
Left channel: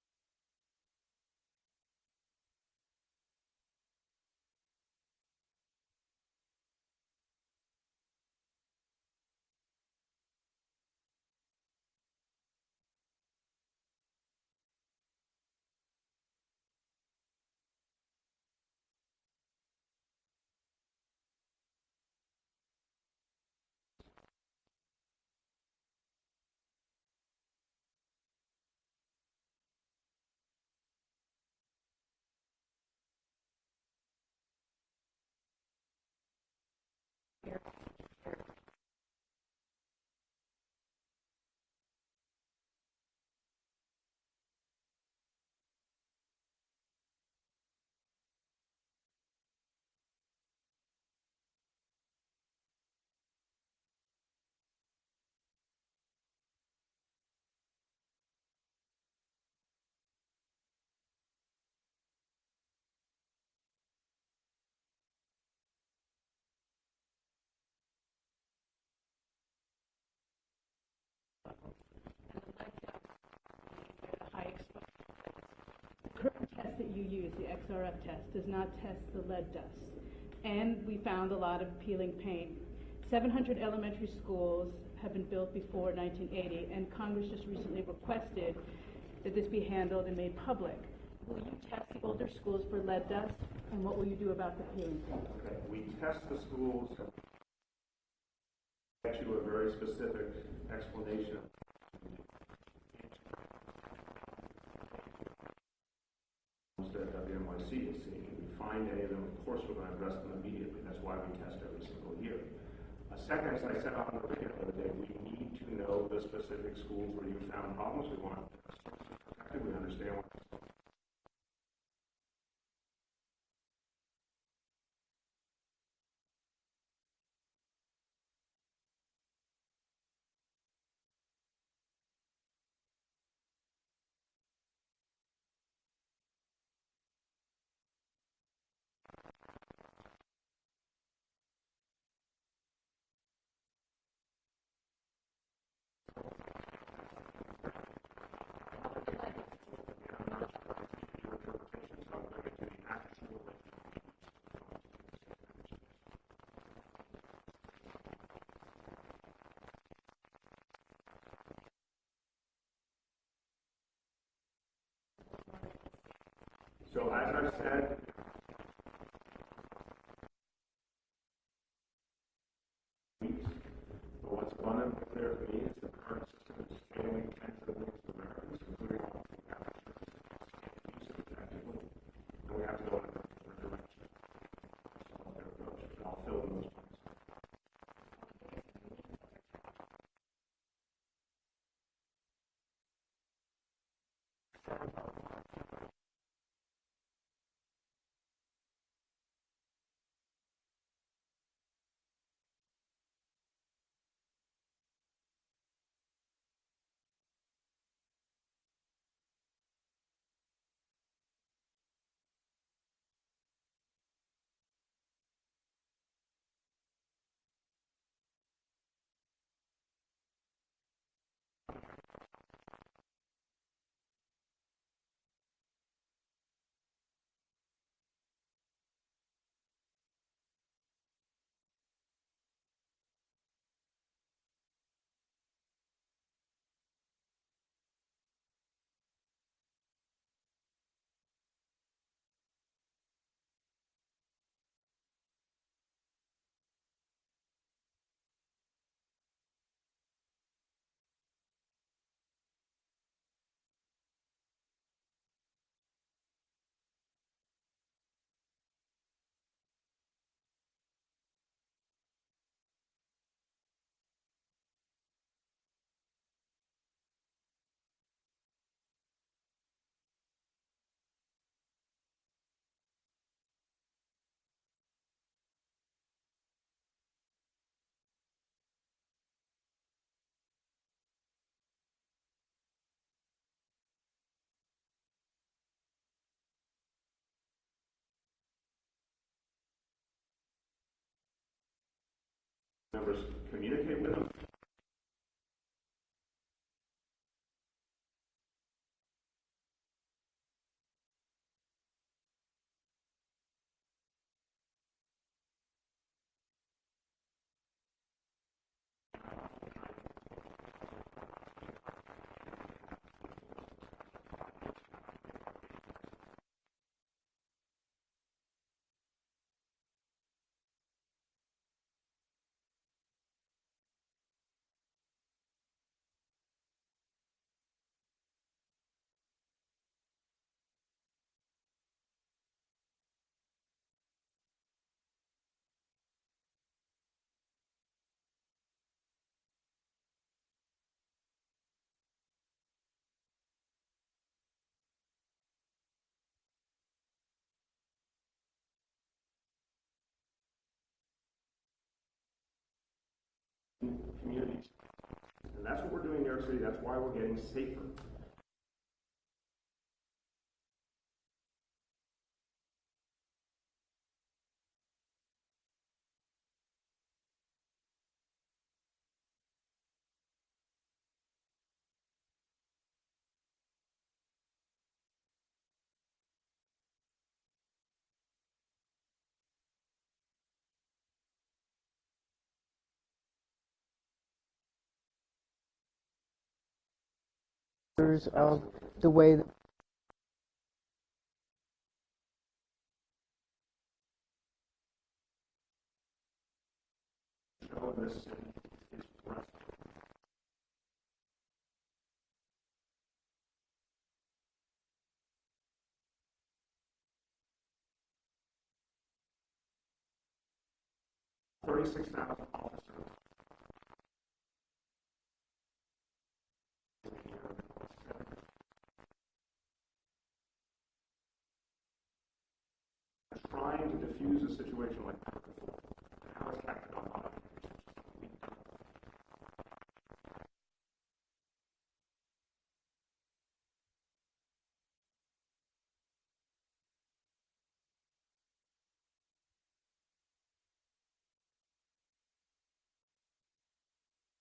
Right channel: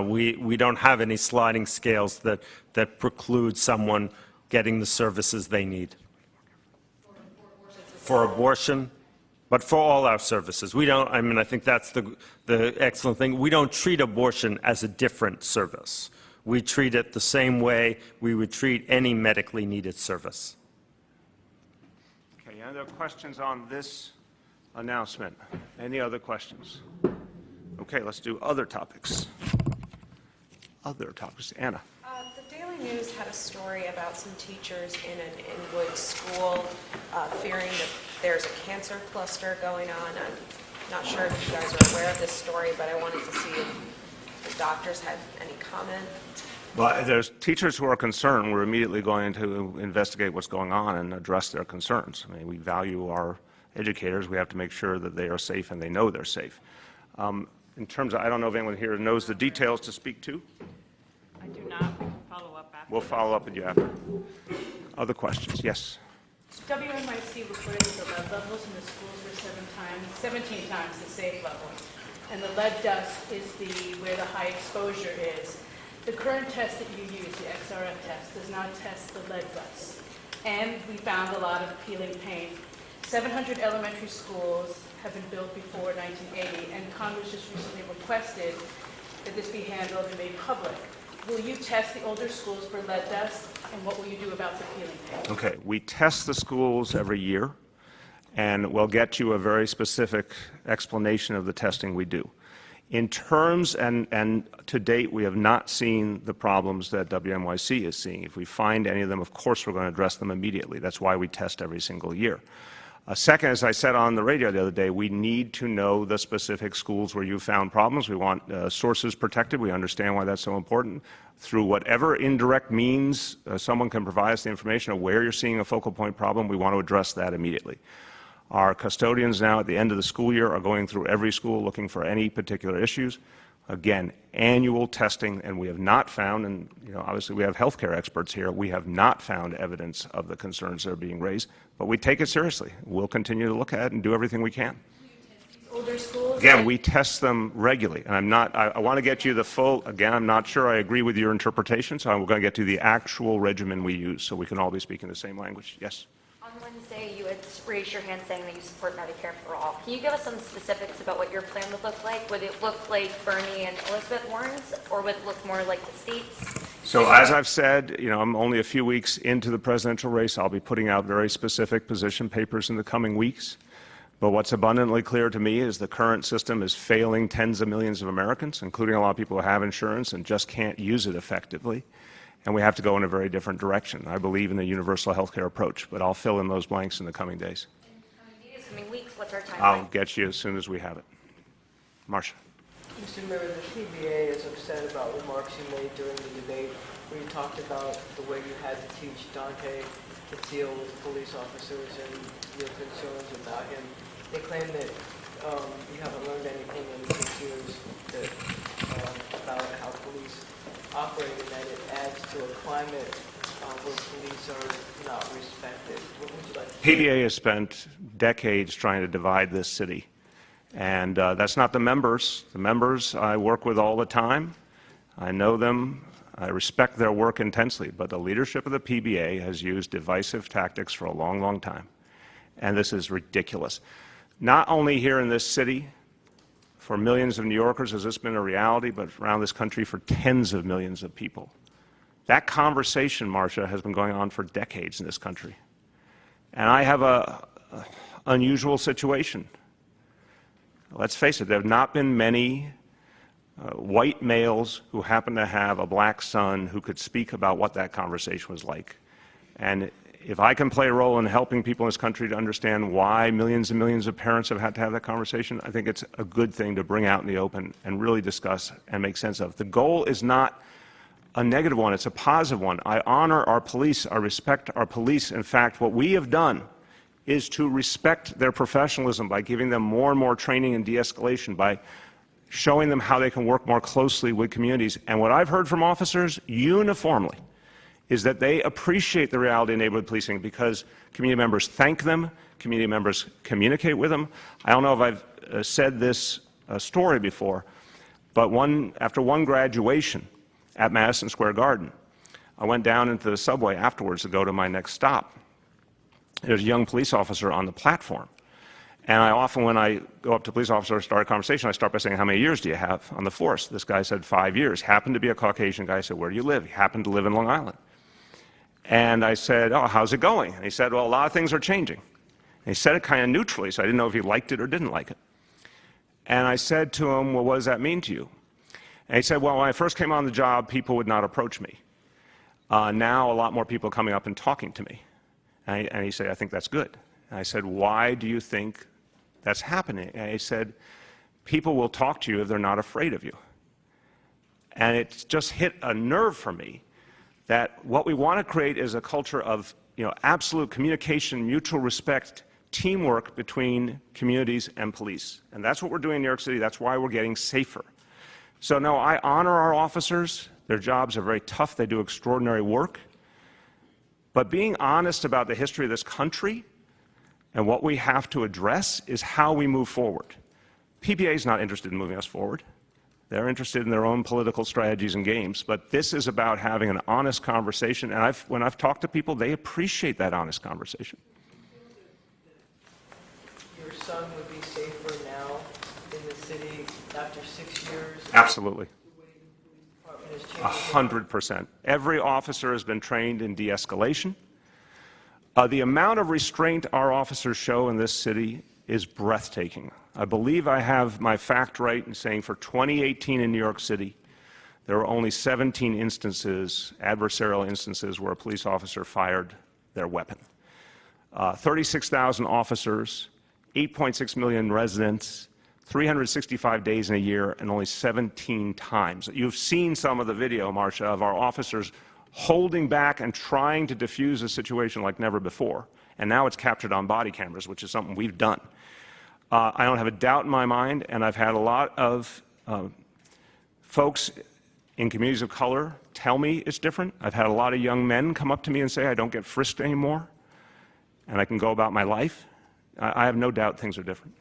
We don't have any sliding scales that preclude someone getting the services they need. For abortion, but for all our services. We don't, I mean, I think that's the excellent thing. We don't treat abortion as a different service. We treat it the same way we would treat any medically needed service. Okay, any other questions on this announcement? Any other questions? Okay, let's do other topics. Other topics. Anna. The Daily News had a story about some teachers in an Inwood school fearing that there's a cancer cluster going on. I'm not sure if you guys are aware of this story, but I wanted to see if the doctors had any comment. Well, there's teachers who are concerned. We're immediately going to investigate what's going on and address their concerns. I mean, we value our educators. We have to make sure that they are safe and they know they're safe. In terms of, I don't know if anyone here knows the details to speak to. I do not. We can follow up after. We'll follow up with you after. Other questions? Yes. WNYC reported the lead levels in the schools were 17 times the safe level. And the lead dust is where the high exposure is. The current test that you use, the XRM test, does not test the lead dust. And we found a lot of peeling paint. 700 elementary schools have been built before 1980, and Congress just recently requested that this be handled and made public. Will you test the older schools for lead dust, and what will you do about the peeling paint? Okay, we test the schools every year, and we'll get you a very specific explanation of the testing we do. In terms, and to date, we have not seen the problems that WNYC is seeing. If we find any of them, of course, we're going to address them immediately. That's why we test every single year. Second, as I said on the radio the other day, we need to know the specific schools where you found problems. We want sources protected. We understand why that's so important. Through whatever indirect means someone can provide us the information of where you're seeing a focal point problem, we want to address that immediately. Our custodians now at the end of the school year are going through every school looking for any particular issues. Again, annual testing, and we have not found, and obviously we have healthcare experts here, we have not found evidence of the concerns that are being raised, but we take it seriously. We'll continue to look at it and do everything we can. Older schools? Again, we test them regularly, and I want to get you the full, again, I'm not sure I agree with your interpretation, so I'm going to get to the actual regimen we use so we can all be speaking the same language. Yes? On Wednesday, you had raised your hand saying that you support Medicare for all. Can you give us some specifics about what your plan would look like? Would it look like Bernie and Elizabeth Warren's, or would it look more like the states? So as I've said, I'm only a few weeks into the presidential race. I'll be putting out very specific position papers in the coming weeks. But what's abundantly clear to me is the current system is failing tens of millions of Americans, including a lot of people who have insurance and just can't use it effectively. And we have to go in a very different direction. I believe in the universal health care approach, but I'll fill in those blanks in the coming days. Coming weeks, what's our timeline? I'll get you as soon as we have it. Marcia. Mr. Mayor, the PBA is upset about remarks you made during the debate where you talked about the way you had to teach Dante to deal with police officers and your concerns about him. They claim that you haven't learned anything in 6 years about how police operate and that it adds to a climate where police are not respected. What would you like to say? PBA has spent decades trying to divide this city. And that's not the members. The members I work with all the time. I know them. I respect their work intensely. But the leadership of the PBA has used divisive tactics for a long, long time. And this is ridiculous. Not only here in this city, for millions of New Yorkers has this been a reality, but around this country for tens of millions of people. That conversation, Marcia, has been going on for decades in this country. And I have an unusual situation. Let's face it, there have not been many white males who happen to have a black son who could speak about what that conversation was like. And if I can play a role in helping people in this country to understand why millions and millions of parents have had to have that conversation, I think it's a good thing to bring out in the open and really discuss and make sense of. The goal is not a negative one, it's a positive one. I honor our police, I respect our police. In fact, what we have done is to respect their professionalism by giving them more and more training and de-escalation, by showing them how they can work more closely with communities. And what I've heard from officers uniformly is that they appreciate the reality of neighborhood policing because community members thank them, community members communicate with them. I don't know if I've said this story before, But after one graduation at Madison Square Garden, I went down into the subway afterwards to go to my next stop. There's a young police officer on the platform. And I often, when I go up to a police officer or start a conversation, I start by saying, how many years do you have on the force? This guy said 5 years. Happened to be a Caucasian guy. I said, where do you live? He happened to live in Long Island. And I said, oh, how's it going? And he said, well, a lot of things are changing. And he said it kind of neutrally, so I didn't know if he liked it or didn't like it. And I said to him, well, what does that mean to you? And he said, well, when I first came on the job, people would not approach me. Now a lot more people are coming up and talking to me. And he said, I think that's good. And I said, why do you think that's happening? And he said, people will talk to you if they're not afraid of you. And it just hit a nerve for me that what we want to create is a culture of absolute communication, mutual respect, teamwork between communities and police. And that's what we're doing in New York City. That's why we're getting safer. So no, I honor our officers. Their jobs are very tough. They do extraordinary work. But being honest about the history of this country and what we have to address is how we move forward. PPA is not interested in moving us forward. They're interested in their own political strategies and games. But this is about having an honest conversation. And when I've talked to people, they appreciate that honest conversation. Your son would be safer now in the city after 6 years? Absolutely. The way the police department has changed? 100%. Every officer has been trained in de-escalation. The amount of restraint our officers show in this city is breathtaking. I believe I have my fact right in saying for 2018 in New York City, there were only 17 instances, adversarial instances, where a police officer fired their weapon. 36,000 officers, 8.6 million residents, 365 days in a year, and only 17 times. You've seen some of the video, Marcia, of our officers holding back and trying to defuse a situation like never before. And now it's captured on body cameras, which is something we've done. I don't have a doubt in my mind, and I've had a lot of folks in communities of color tell me it's different. I've had a lot of young men come up to me and say, I don't get frisked anymore, and I can go about my life. I have no doubt things are different.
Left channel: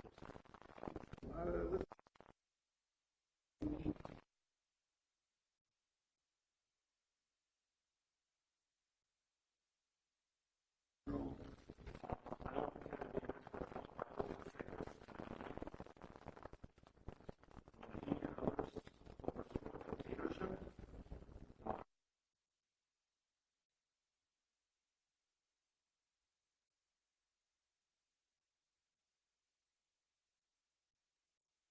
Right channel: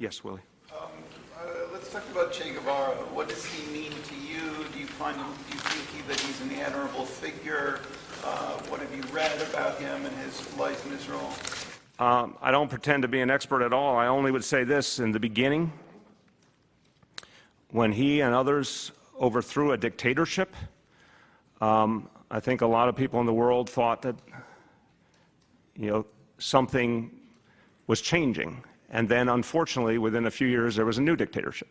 Yes, Willie. Let's talk about Che Guevara. What does he mean to you? Do you think that he's an admirable figure? What have you read about him and his life in Israel? I don't pretend to be an expert at all. I only would say this: in the beginning, when he and others overthrew a dictatorship, I think a lot of people in the world thought that something was changing. And then, unfortunately, within a few years, there was a new dictatorship.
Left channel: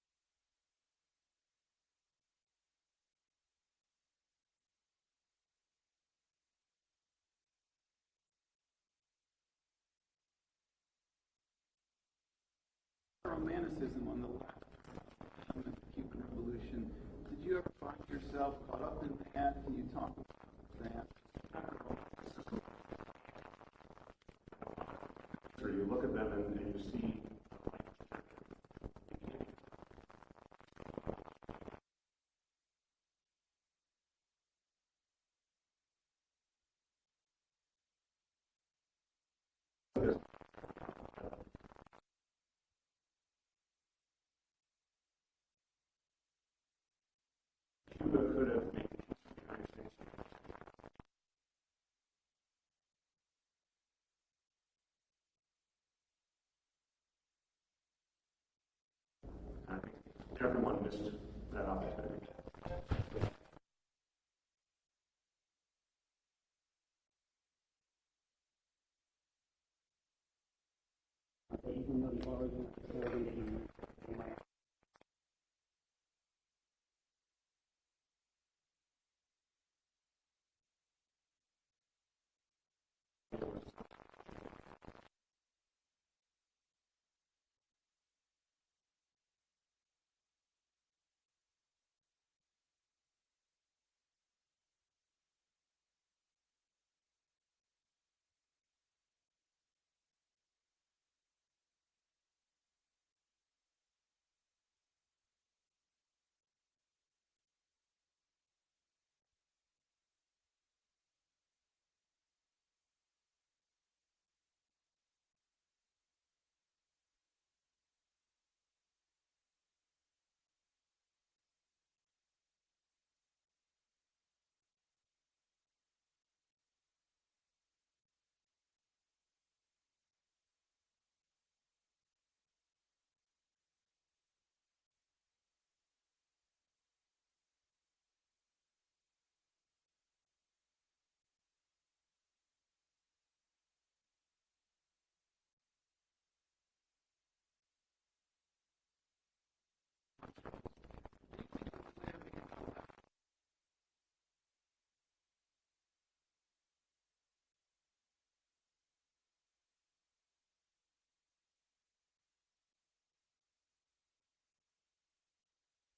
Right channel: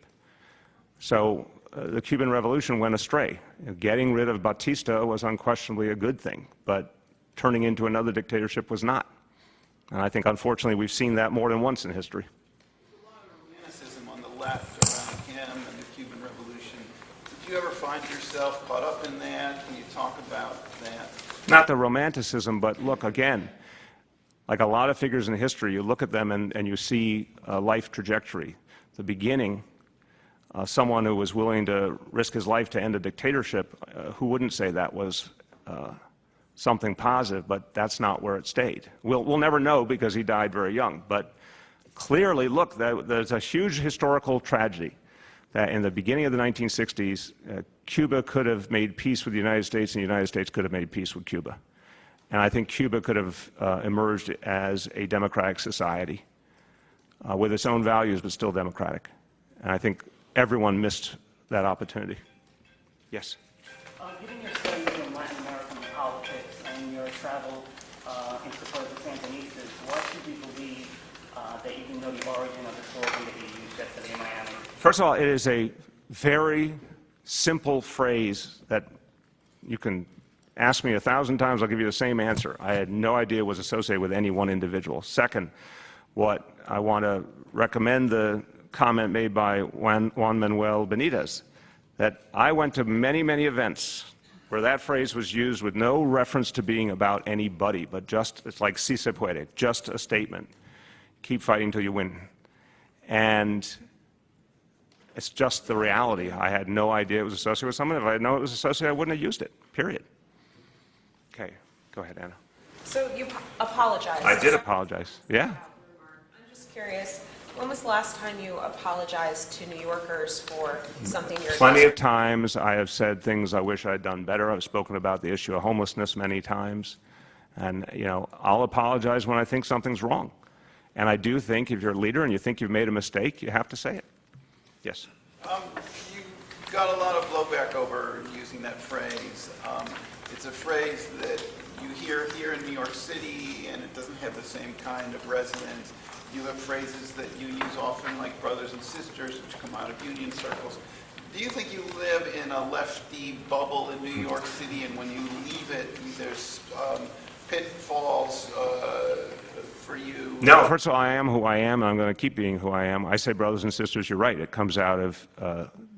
So the Cuban Revolution went astray. Getting rid of Batista was unquestionably a good thing, but turning into another dictatorship was not. And I think, unfortunately, we've seen that more than once in history. There's a lot of romanticism on the left around him and the Cuban Revolution. Did you ever find yourself caught up in that? Can you talk about that? Not the romanticism, but look, again, like a lot of figures in history, you look at them and you see a life trajectory. The beginning, someone who was willing to risk his life to end a dictatorship, who wouldn't say that was something positive, but that's not where it stayed. We'll never know because he died very young, but clearly, look, there's a huge historical tragedy that in the beginning of the 1960s, Cuba could have made peace with the United States and the United States could have made peace with Cuba. And I think Cuba could have emerged as a democratic society with its own values, but still democratic. And I think everyone missed that opportunity. Yes? Given your studies in Latin American politics and your travel in support of the Sandinistas, why should we believe that you didn't know the origin of the slogan that you used yesterday in Miami? First of all, it is a very simple phrase that you can ask me 1,000 times, I'll give you the same answer. I had no idea it was associated with any one individual. Second, what I want to recommend the comment made by Juan Manuel Benitez, that I went to many, many events where that phrase was used with no reference to being about anybody, but just, it's like si se puede, just a statement. Keep fighting till you win. And it's just the reality. I had no idea it was associated with someone. If I had known it was associated, I wouldn't have used it, period. Okay, go ahead, Anna. So you apologized. I did apologize, yeah. I'm just curious, When was the last time you apologized to New Yorkers for something your Plenty of district? times I have said things I wish I'd done better. I've spoken about the issue of homelessness many times. And, you know, I'll apologize when I think something's wrong. And I do think if you're a leader and you think you've made a mistake, you have to say it. Yes. You got a lot of blowback over using that phrase. It's a phrase that you hear here in New York City, and it doesn't have the same kind of resonance. You have phrases that you use often, like brothers and sisters, which come out of union circles. Do you think you live in a lefty bubble in New York City, and when you leave it, there's pitfalls for you? No, first of all, I am who I am, and I'm going to keep being who I am. I say brothers and sisters, you're right. It comes out of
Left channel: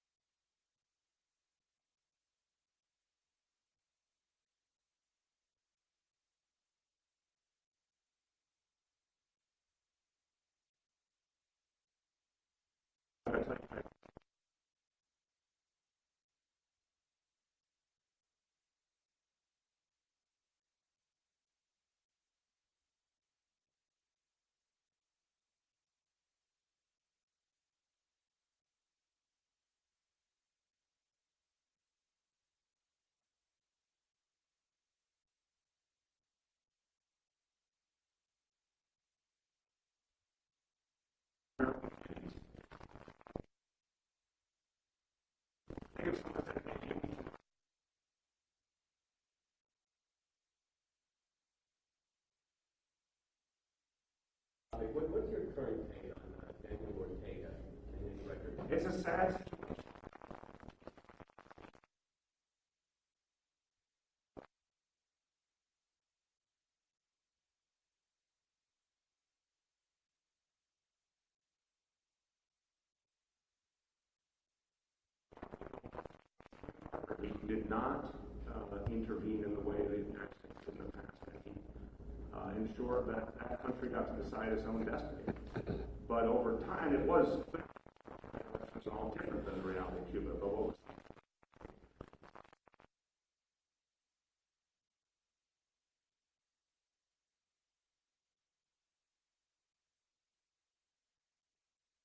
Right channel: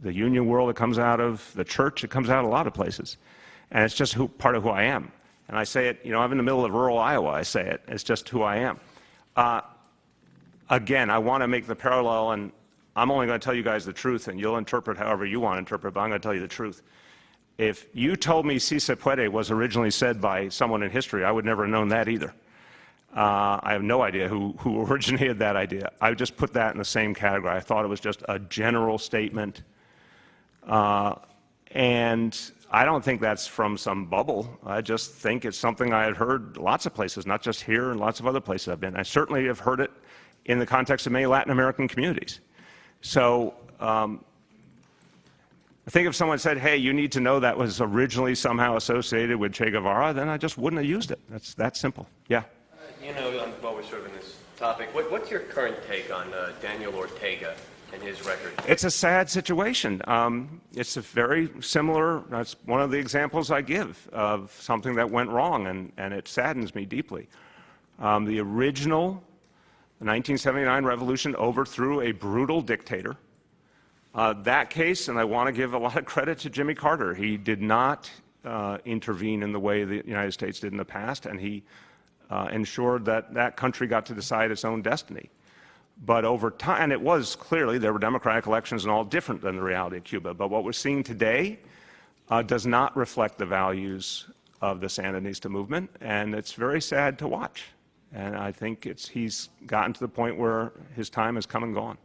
the union world. It comes out of the church. It comes out of a lot of places. And it's just part of who I am. And I say it, you know, I'm in the middle of rural Iowa. I say it. It's just who I am. Again, I want to make the parallel, and I'm only going to tell you guys the truth, and you'll interpret however you want to interpret, but I'm going to tell you the truth. If you told me si se puede was originally said by someone in history, I would never have known that either. I have no idea who originated that idea. I would just put that in the same category. I thought it was just a general statement. And I don't think that's from some bubble. I just think it's something I had heard lots of places, not just here and lots of other places I've been. I certainly have heard it in the context of many Latin American communities. So I think if someone said, hey, you need to know that was originally somehow associated with Che Guevara, then I just wouldn't have used it. That's that simple. Yeah. You know, while we're sort of in this topic, what's your current take on Daniel Ortega and his record? It's a sad situation. It's a very similar, that's one of the examples I give of something that went wrong, and it saddens me deeply. The original 1979 revolution overthrew a brutal dictator. That case, and I want to give a lot of credit to Jimmy Carter, he did not intervene in the way the United States did in the past, and he ensured that that country got to decide its own destiny. But over time, and it was clearly, there were democratic elections and all different than the reality of Cuba, but what we're seeing today does not reflect the values of the Sandinista movement, and it's very sad to watch. And I think he's gotten to the point where his time has come and gone.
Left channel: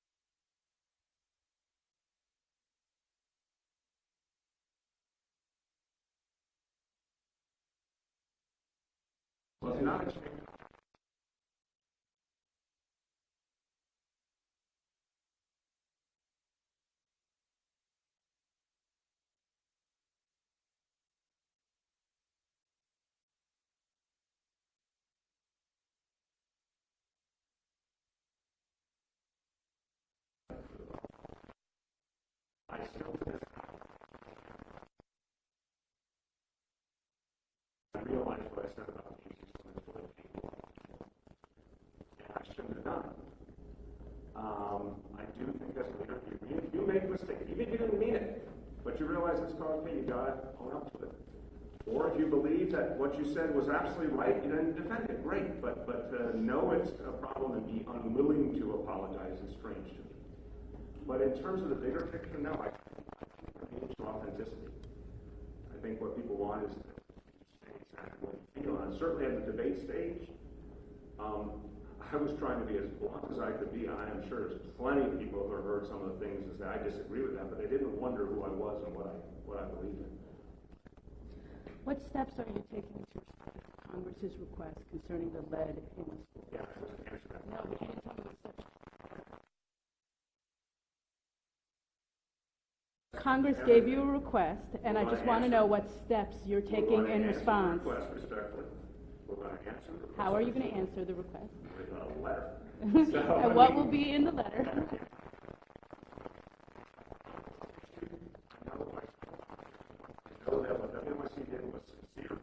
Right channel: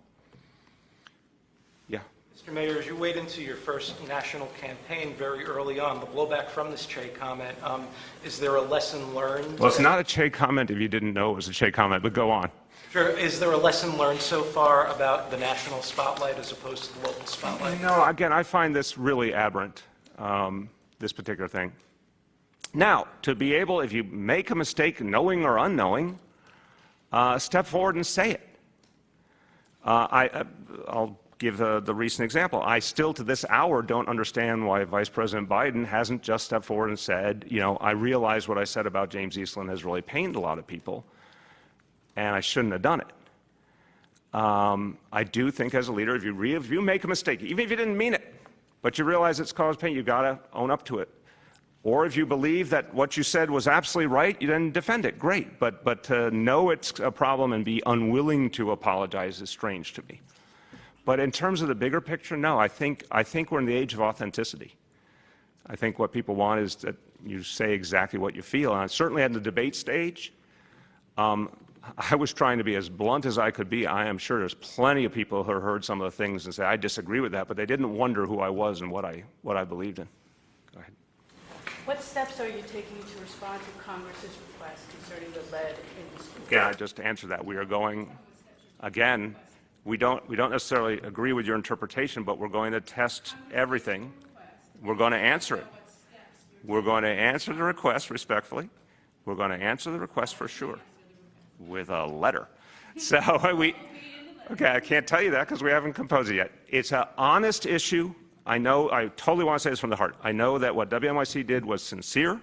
Yeah. Mr. Mayor, as you wade into your first national campaign very early on, the blowback from this Che comment, is there a lesson learned? Well, it's not a Che comment if you didn't know it was a Che comment, but go on. Sure. Is there a lesson learned so far about the national spotlight as opposed to the local spotlight? No, again, I find this really aberrant, this particular thing. Now, to be able, if you make a mistake, knowing or unknowing, step forward and say it. I'll give the recent example. I still, to this hour, don't understand why Vice President Biden hasn't just stepped forward and said, you know, I realize what I said about James Eastland has really pained a lot of people, and I shouldn't have done it. I do think as a leader, if you make a mistake, even if you didn't mean it, but you realize it's caused pain, you've got to own up to it. Or if you believe that what you said was absolutely right, you then defend it. Great. But to know it's a problem and be unwilling to apologize is strange to me. But in terms of the bigger picture, no, I think we're in the age of authenticity. I think what people want is that you say exactly what you feel. And certainly at the debate stage, I was trying to be as blunt as I could be. I am sure there's plenty of people who heard some of the things and say, I disagree with that, but they didn't wonder who I was and what I believed in. What steps are you taking to respond to Congress's request concerning the lead in the schools? Yeah, I just answered that. We are going, again, we don't necessarily agree with your interpretation, but we're going to test everything. Congress gave you a request, and I just want to know what steps you're taking. We're going to in answer the response. request respectfully. We're going to answer the request How are for you sure. going to answer the request? With a letter. So What will be in the letter? Okay, I can't tell you that because we haven't composed it yet. It's an honest issue. I know, I totally want to say this from the heart. I know that what WNYC did was sincere.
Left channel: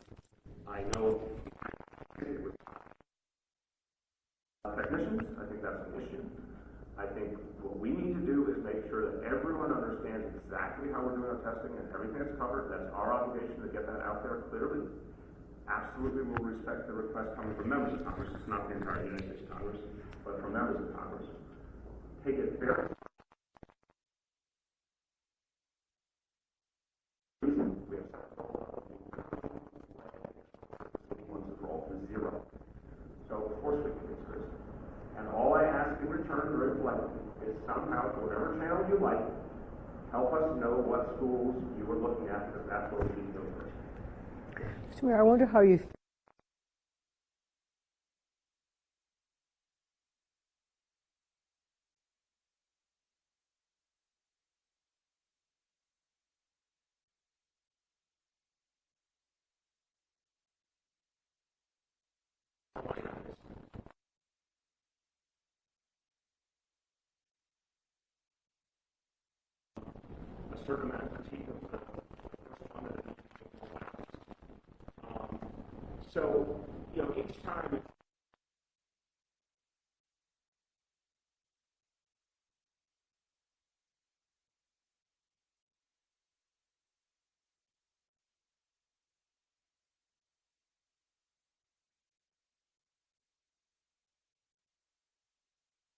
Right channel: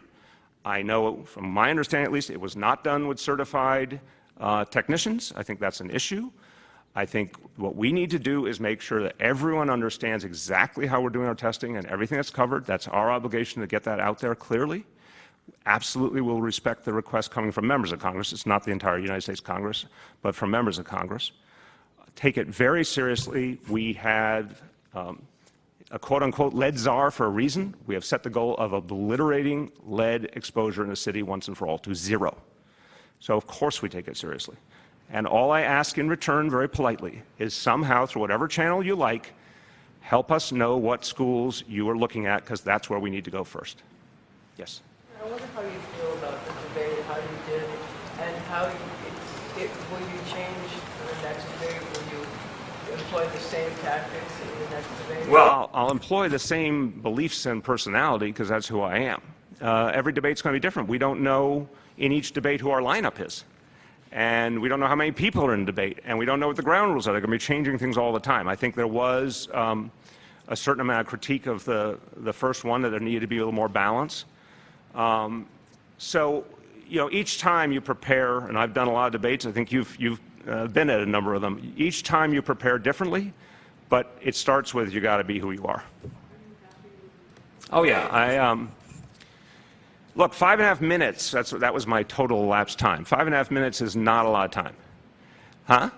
I know, from my understanding at least, it was not done with certified technicians. I think that's an issue. I think what we need to do is make sure that everyone understands exactly how we're doing our testing and everything that's covered. That's our obligation to get that out there clearly. Absolutely will respect the request coming from members of Congress. It's not the entire United States Congress, but from members of Congress. Take it very seriously. We had a quote-unquote lead czar for a reason. We have set the goal of obliterating lead exposure in the city once and for all to zero. So of course we take it seriously. And all I ask in return, very politely, is somehow, through whatever channel you like, help us know what schools you are looking at, because that's where we need to go first. Yes? I wonder how you feel about the debate, how you did, and how will you change for the next debate? Will you employ the same tactics in the next debate? Well, I'll employ the same beliefs and personality, because that's who I am. Every debate's going to be different. We don't know in each debate who our lineup is. And we don't know how many people are in debate, and we don't know what the ground rules are. They're going to be changing things all the time. I think there was a certain amount of critique of the first one, that there needed to be a little more balance. So, you know, each time you prepare, and I've done a lot of debates, I think you've been at a number of them. Each time you prepare differelly, but it starts with you got to be who you are. Oh yeah, look, 5.5 minutes, that was my total elapsed time. 5.5 minutes is not a lot of time. Huh?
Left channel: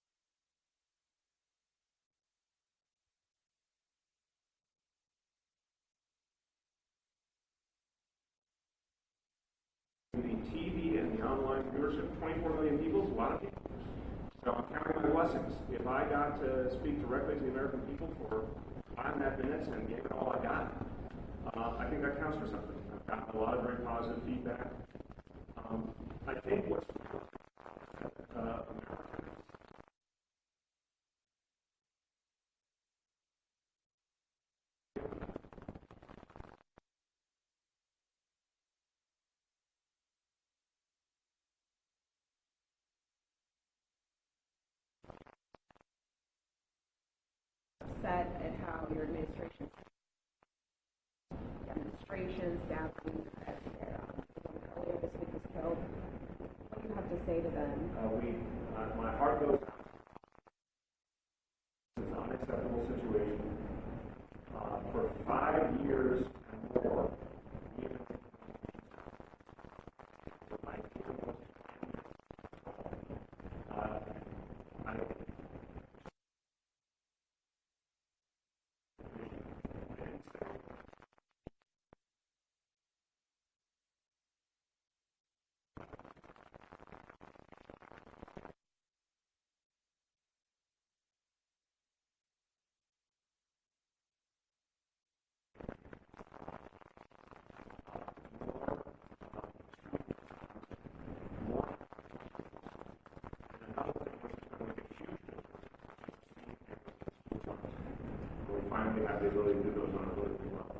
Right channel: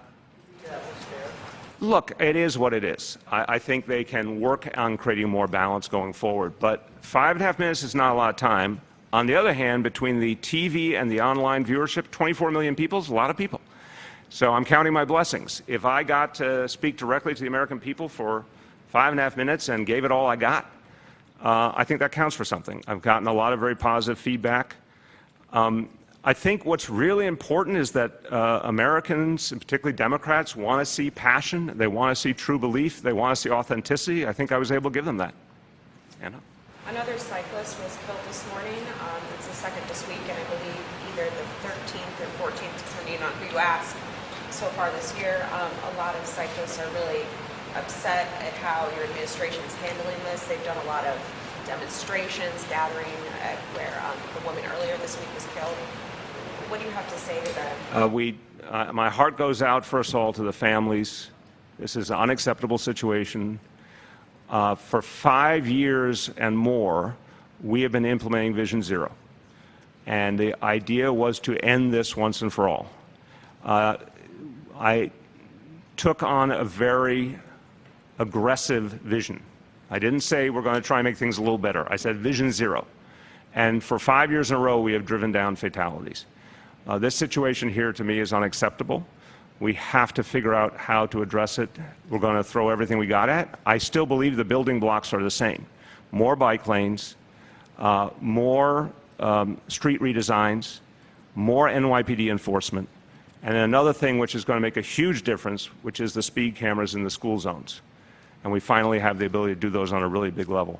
Look, it is what it is. I think they can work on creating more balance going forward, but 5.5 minutes is not a lot of time. On the other hand, between the TV and the online viewership, 24 million people is a lot of people. So I'm counting my blessings. If I got to speak directly to the American people for 5.5 minutes and gave it all I got, I think that counts for something. I've gotten a lot of very positive feedback. I think what's really important is that Americans, and particularly Democrats, want to see passion. They want to see true belief. They want to see authenticity. I think I was able to give them that. Anna? Another cyclist was killed this morning. It's the second this week, and I believe either the 13th or 14th, depending on who you ask. So far this year, a lot of cyclists are really upset at how your administration is handling this. They've done a lot of demonstrations, gathering at where the woman earlier this week was killed. What do you have to say to them? My heart goes out, first of all, to the families. This is an unacceptable situation. For 5 years and more, we have been implementing Vision Zero. And the idea was to end this once and for all. I took on a very aggressive vision. I didn't say we're going to try and make things a little better. I said Vision Zero. And for 5 years in a row, we have driven down fatalities. This situation here, to me, is unacceptable. We have to figure out how to address it. We're going to throw everything we got at. I still believe the building blocks are the same. More bike lanes, more street redesigns, more NYPD enforcement, and another thing which is going to make a huge difference, which is the speed cameras in the school zones. And we finally have the ability to do those on a really big level.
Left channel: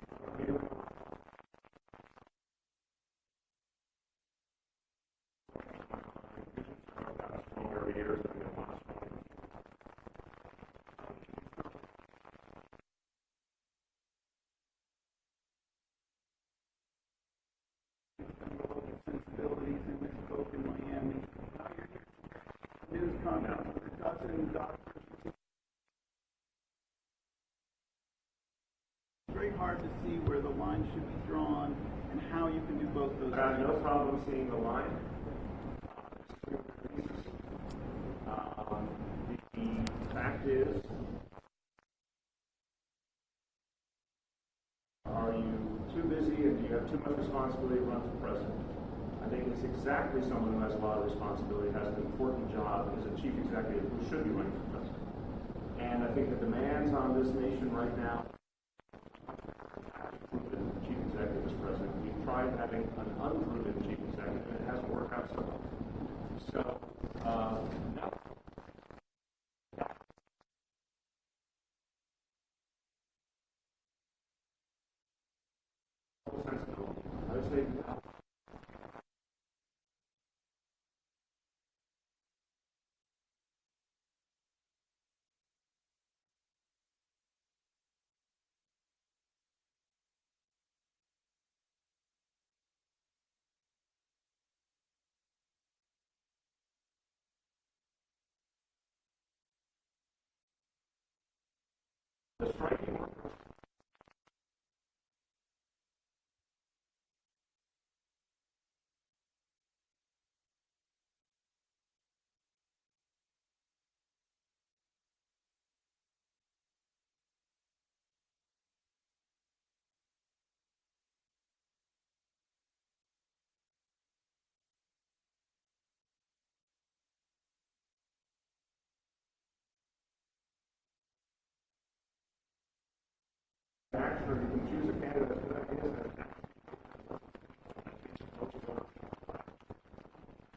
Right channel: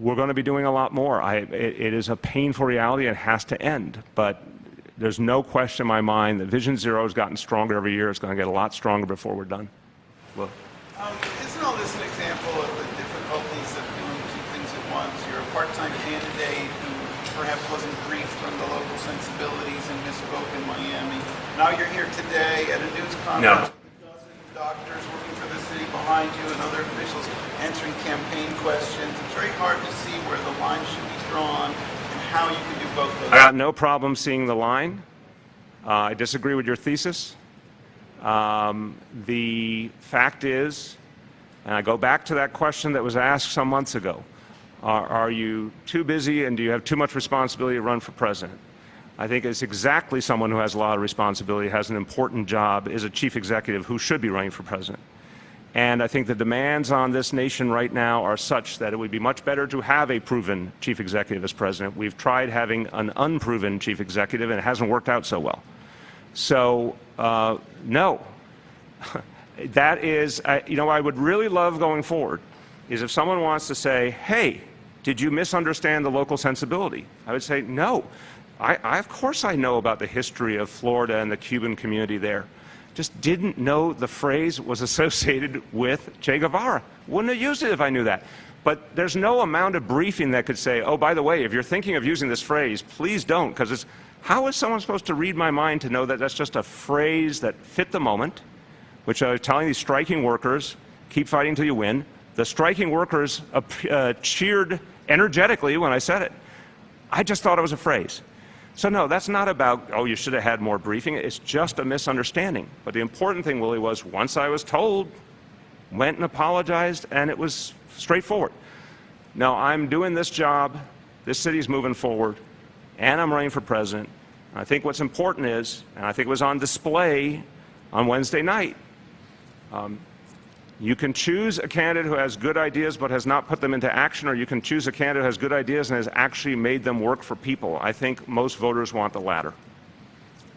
We're going to be doing a lot more. It is a painful reality. It has to end. But there's no question in my mind that Vision Zero has gotten stronger every year. It's going to get a lot stronger before we're done. Well, Isn't all this an example of the difficulties of doing two things at once? You're a part-time candidate who perhaps wasn't briefed from the local sensibilities and misspoke in Miami. Now you're here today at a news conference with consulting doctors working for the city behind you and other officials answering campaign questions. It's very hard to see where the line should be drawn and how you can do both those. I got no problem seeing the line. I disagree with your thesis. The fact is, and I go back to that question that was asked some months ago, are you too busy and do you have too much responsibility to run for president? I think it's exactly someone who has a lot of responsibility, has an important job, is a chief executive who should be running for president. And I think the demands on this nation right now are such that it would be much better to have a proven chief executive as president. We've tried having an unproven chief executive, and it hasn't worked out so well. So, no. That is, you know, I would really love going forward is if someone wants to say, hey, did you misunderstand the local sensibility? I would say, no. Of course I know about the history of Florida and the Cuban community there. Just didn't know the phrase was associated with Che Guevara. Wouldn't have used it if I knew that. But there's no amount of briefing that could say, oh, by the way, if you're thinking of using this phrase, please don't, because it's, how is someone supposed to read my mind to know that that's just a phrase that fit the moment, which I was telling these striking workers, keep fighting till you win. The striking workers cheered energetically when I said it. I just thought it was a phrase. So no, that's not about, oh, you should have had more briefing. It's just a misunderstanding. But the important thing, Willie, was once I was told, went and apologized, and it was straightforward. Now, I'm doing this job, this city's moving forward, and I'm running for president, I think what's important is, and I think it was on display on Wednesday night, you can choose a candidate who has good ideas but has not put them into action, or you can choose a candidate who has good ideas and has actually made them work for people. I think most voters want the latter.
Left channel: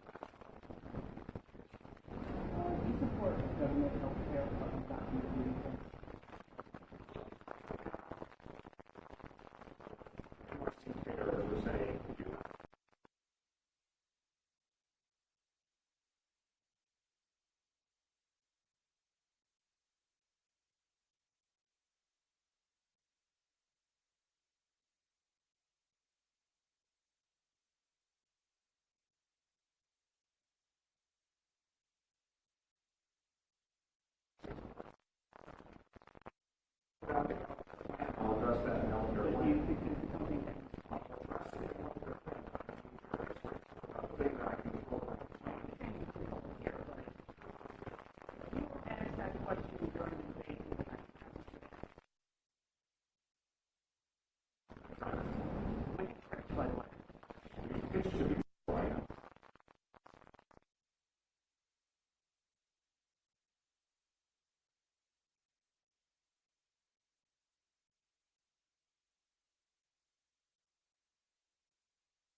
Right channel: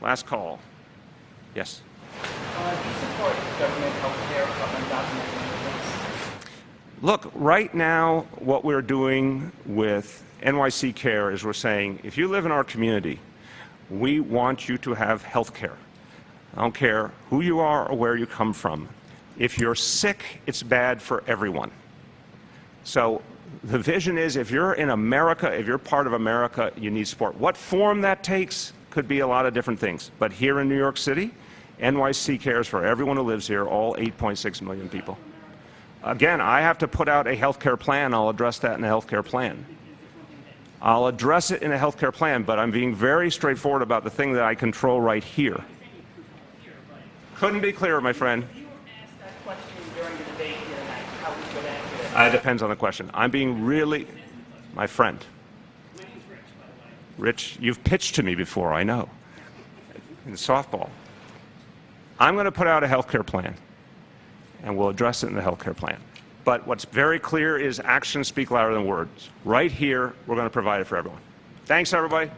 Last call. Yes? Do you support government health care of undocumented immigrants? Look, right now, what we're doing with NYC Care is we're saying, if you live in our community, we want you to have health care. I don't care who you are or where you come from. If you're sick, it's bad for everyone. So the vision is, if you're in America, if you're part of America, you need support. What form that takes could be a lot of different things. But here in New York City, NYC cares for everyone who lives here, all 8.6 million people. Again, I have to put out a health care plan. I'll address that in a health care plan. I'll address it in a health care plan, but I'm being very straightforward about the thing that I control right here. Couldn't be clearer, my friend. It depends on the question. I'm being really, my friend. Rich, you've pitched to me before, I know, in softball. I'm going to put out a health care plan, and we'll address it in the health care plan. But what's very clear is actions speak louder than words. Right here, we're going to provide it for everyone. Thanks, everybody.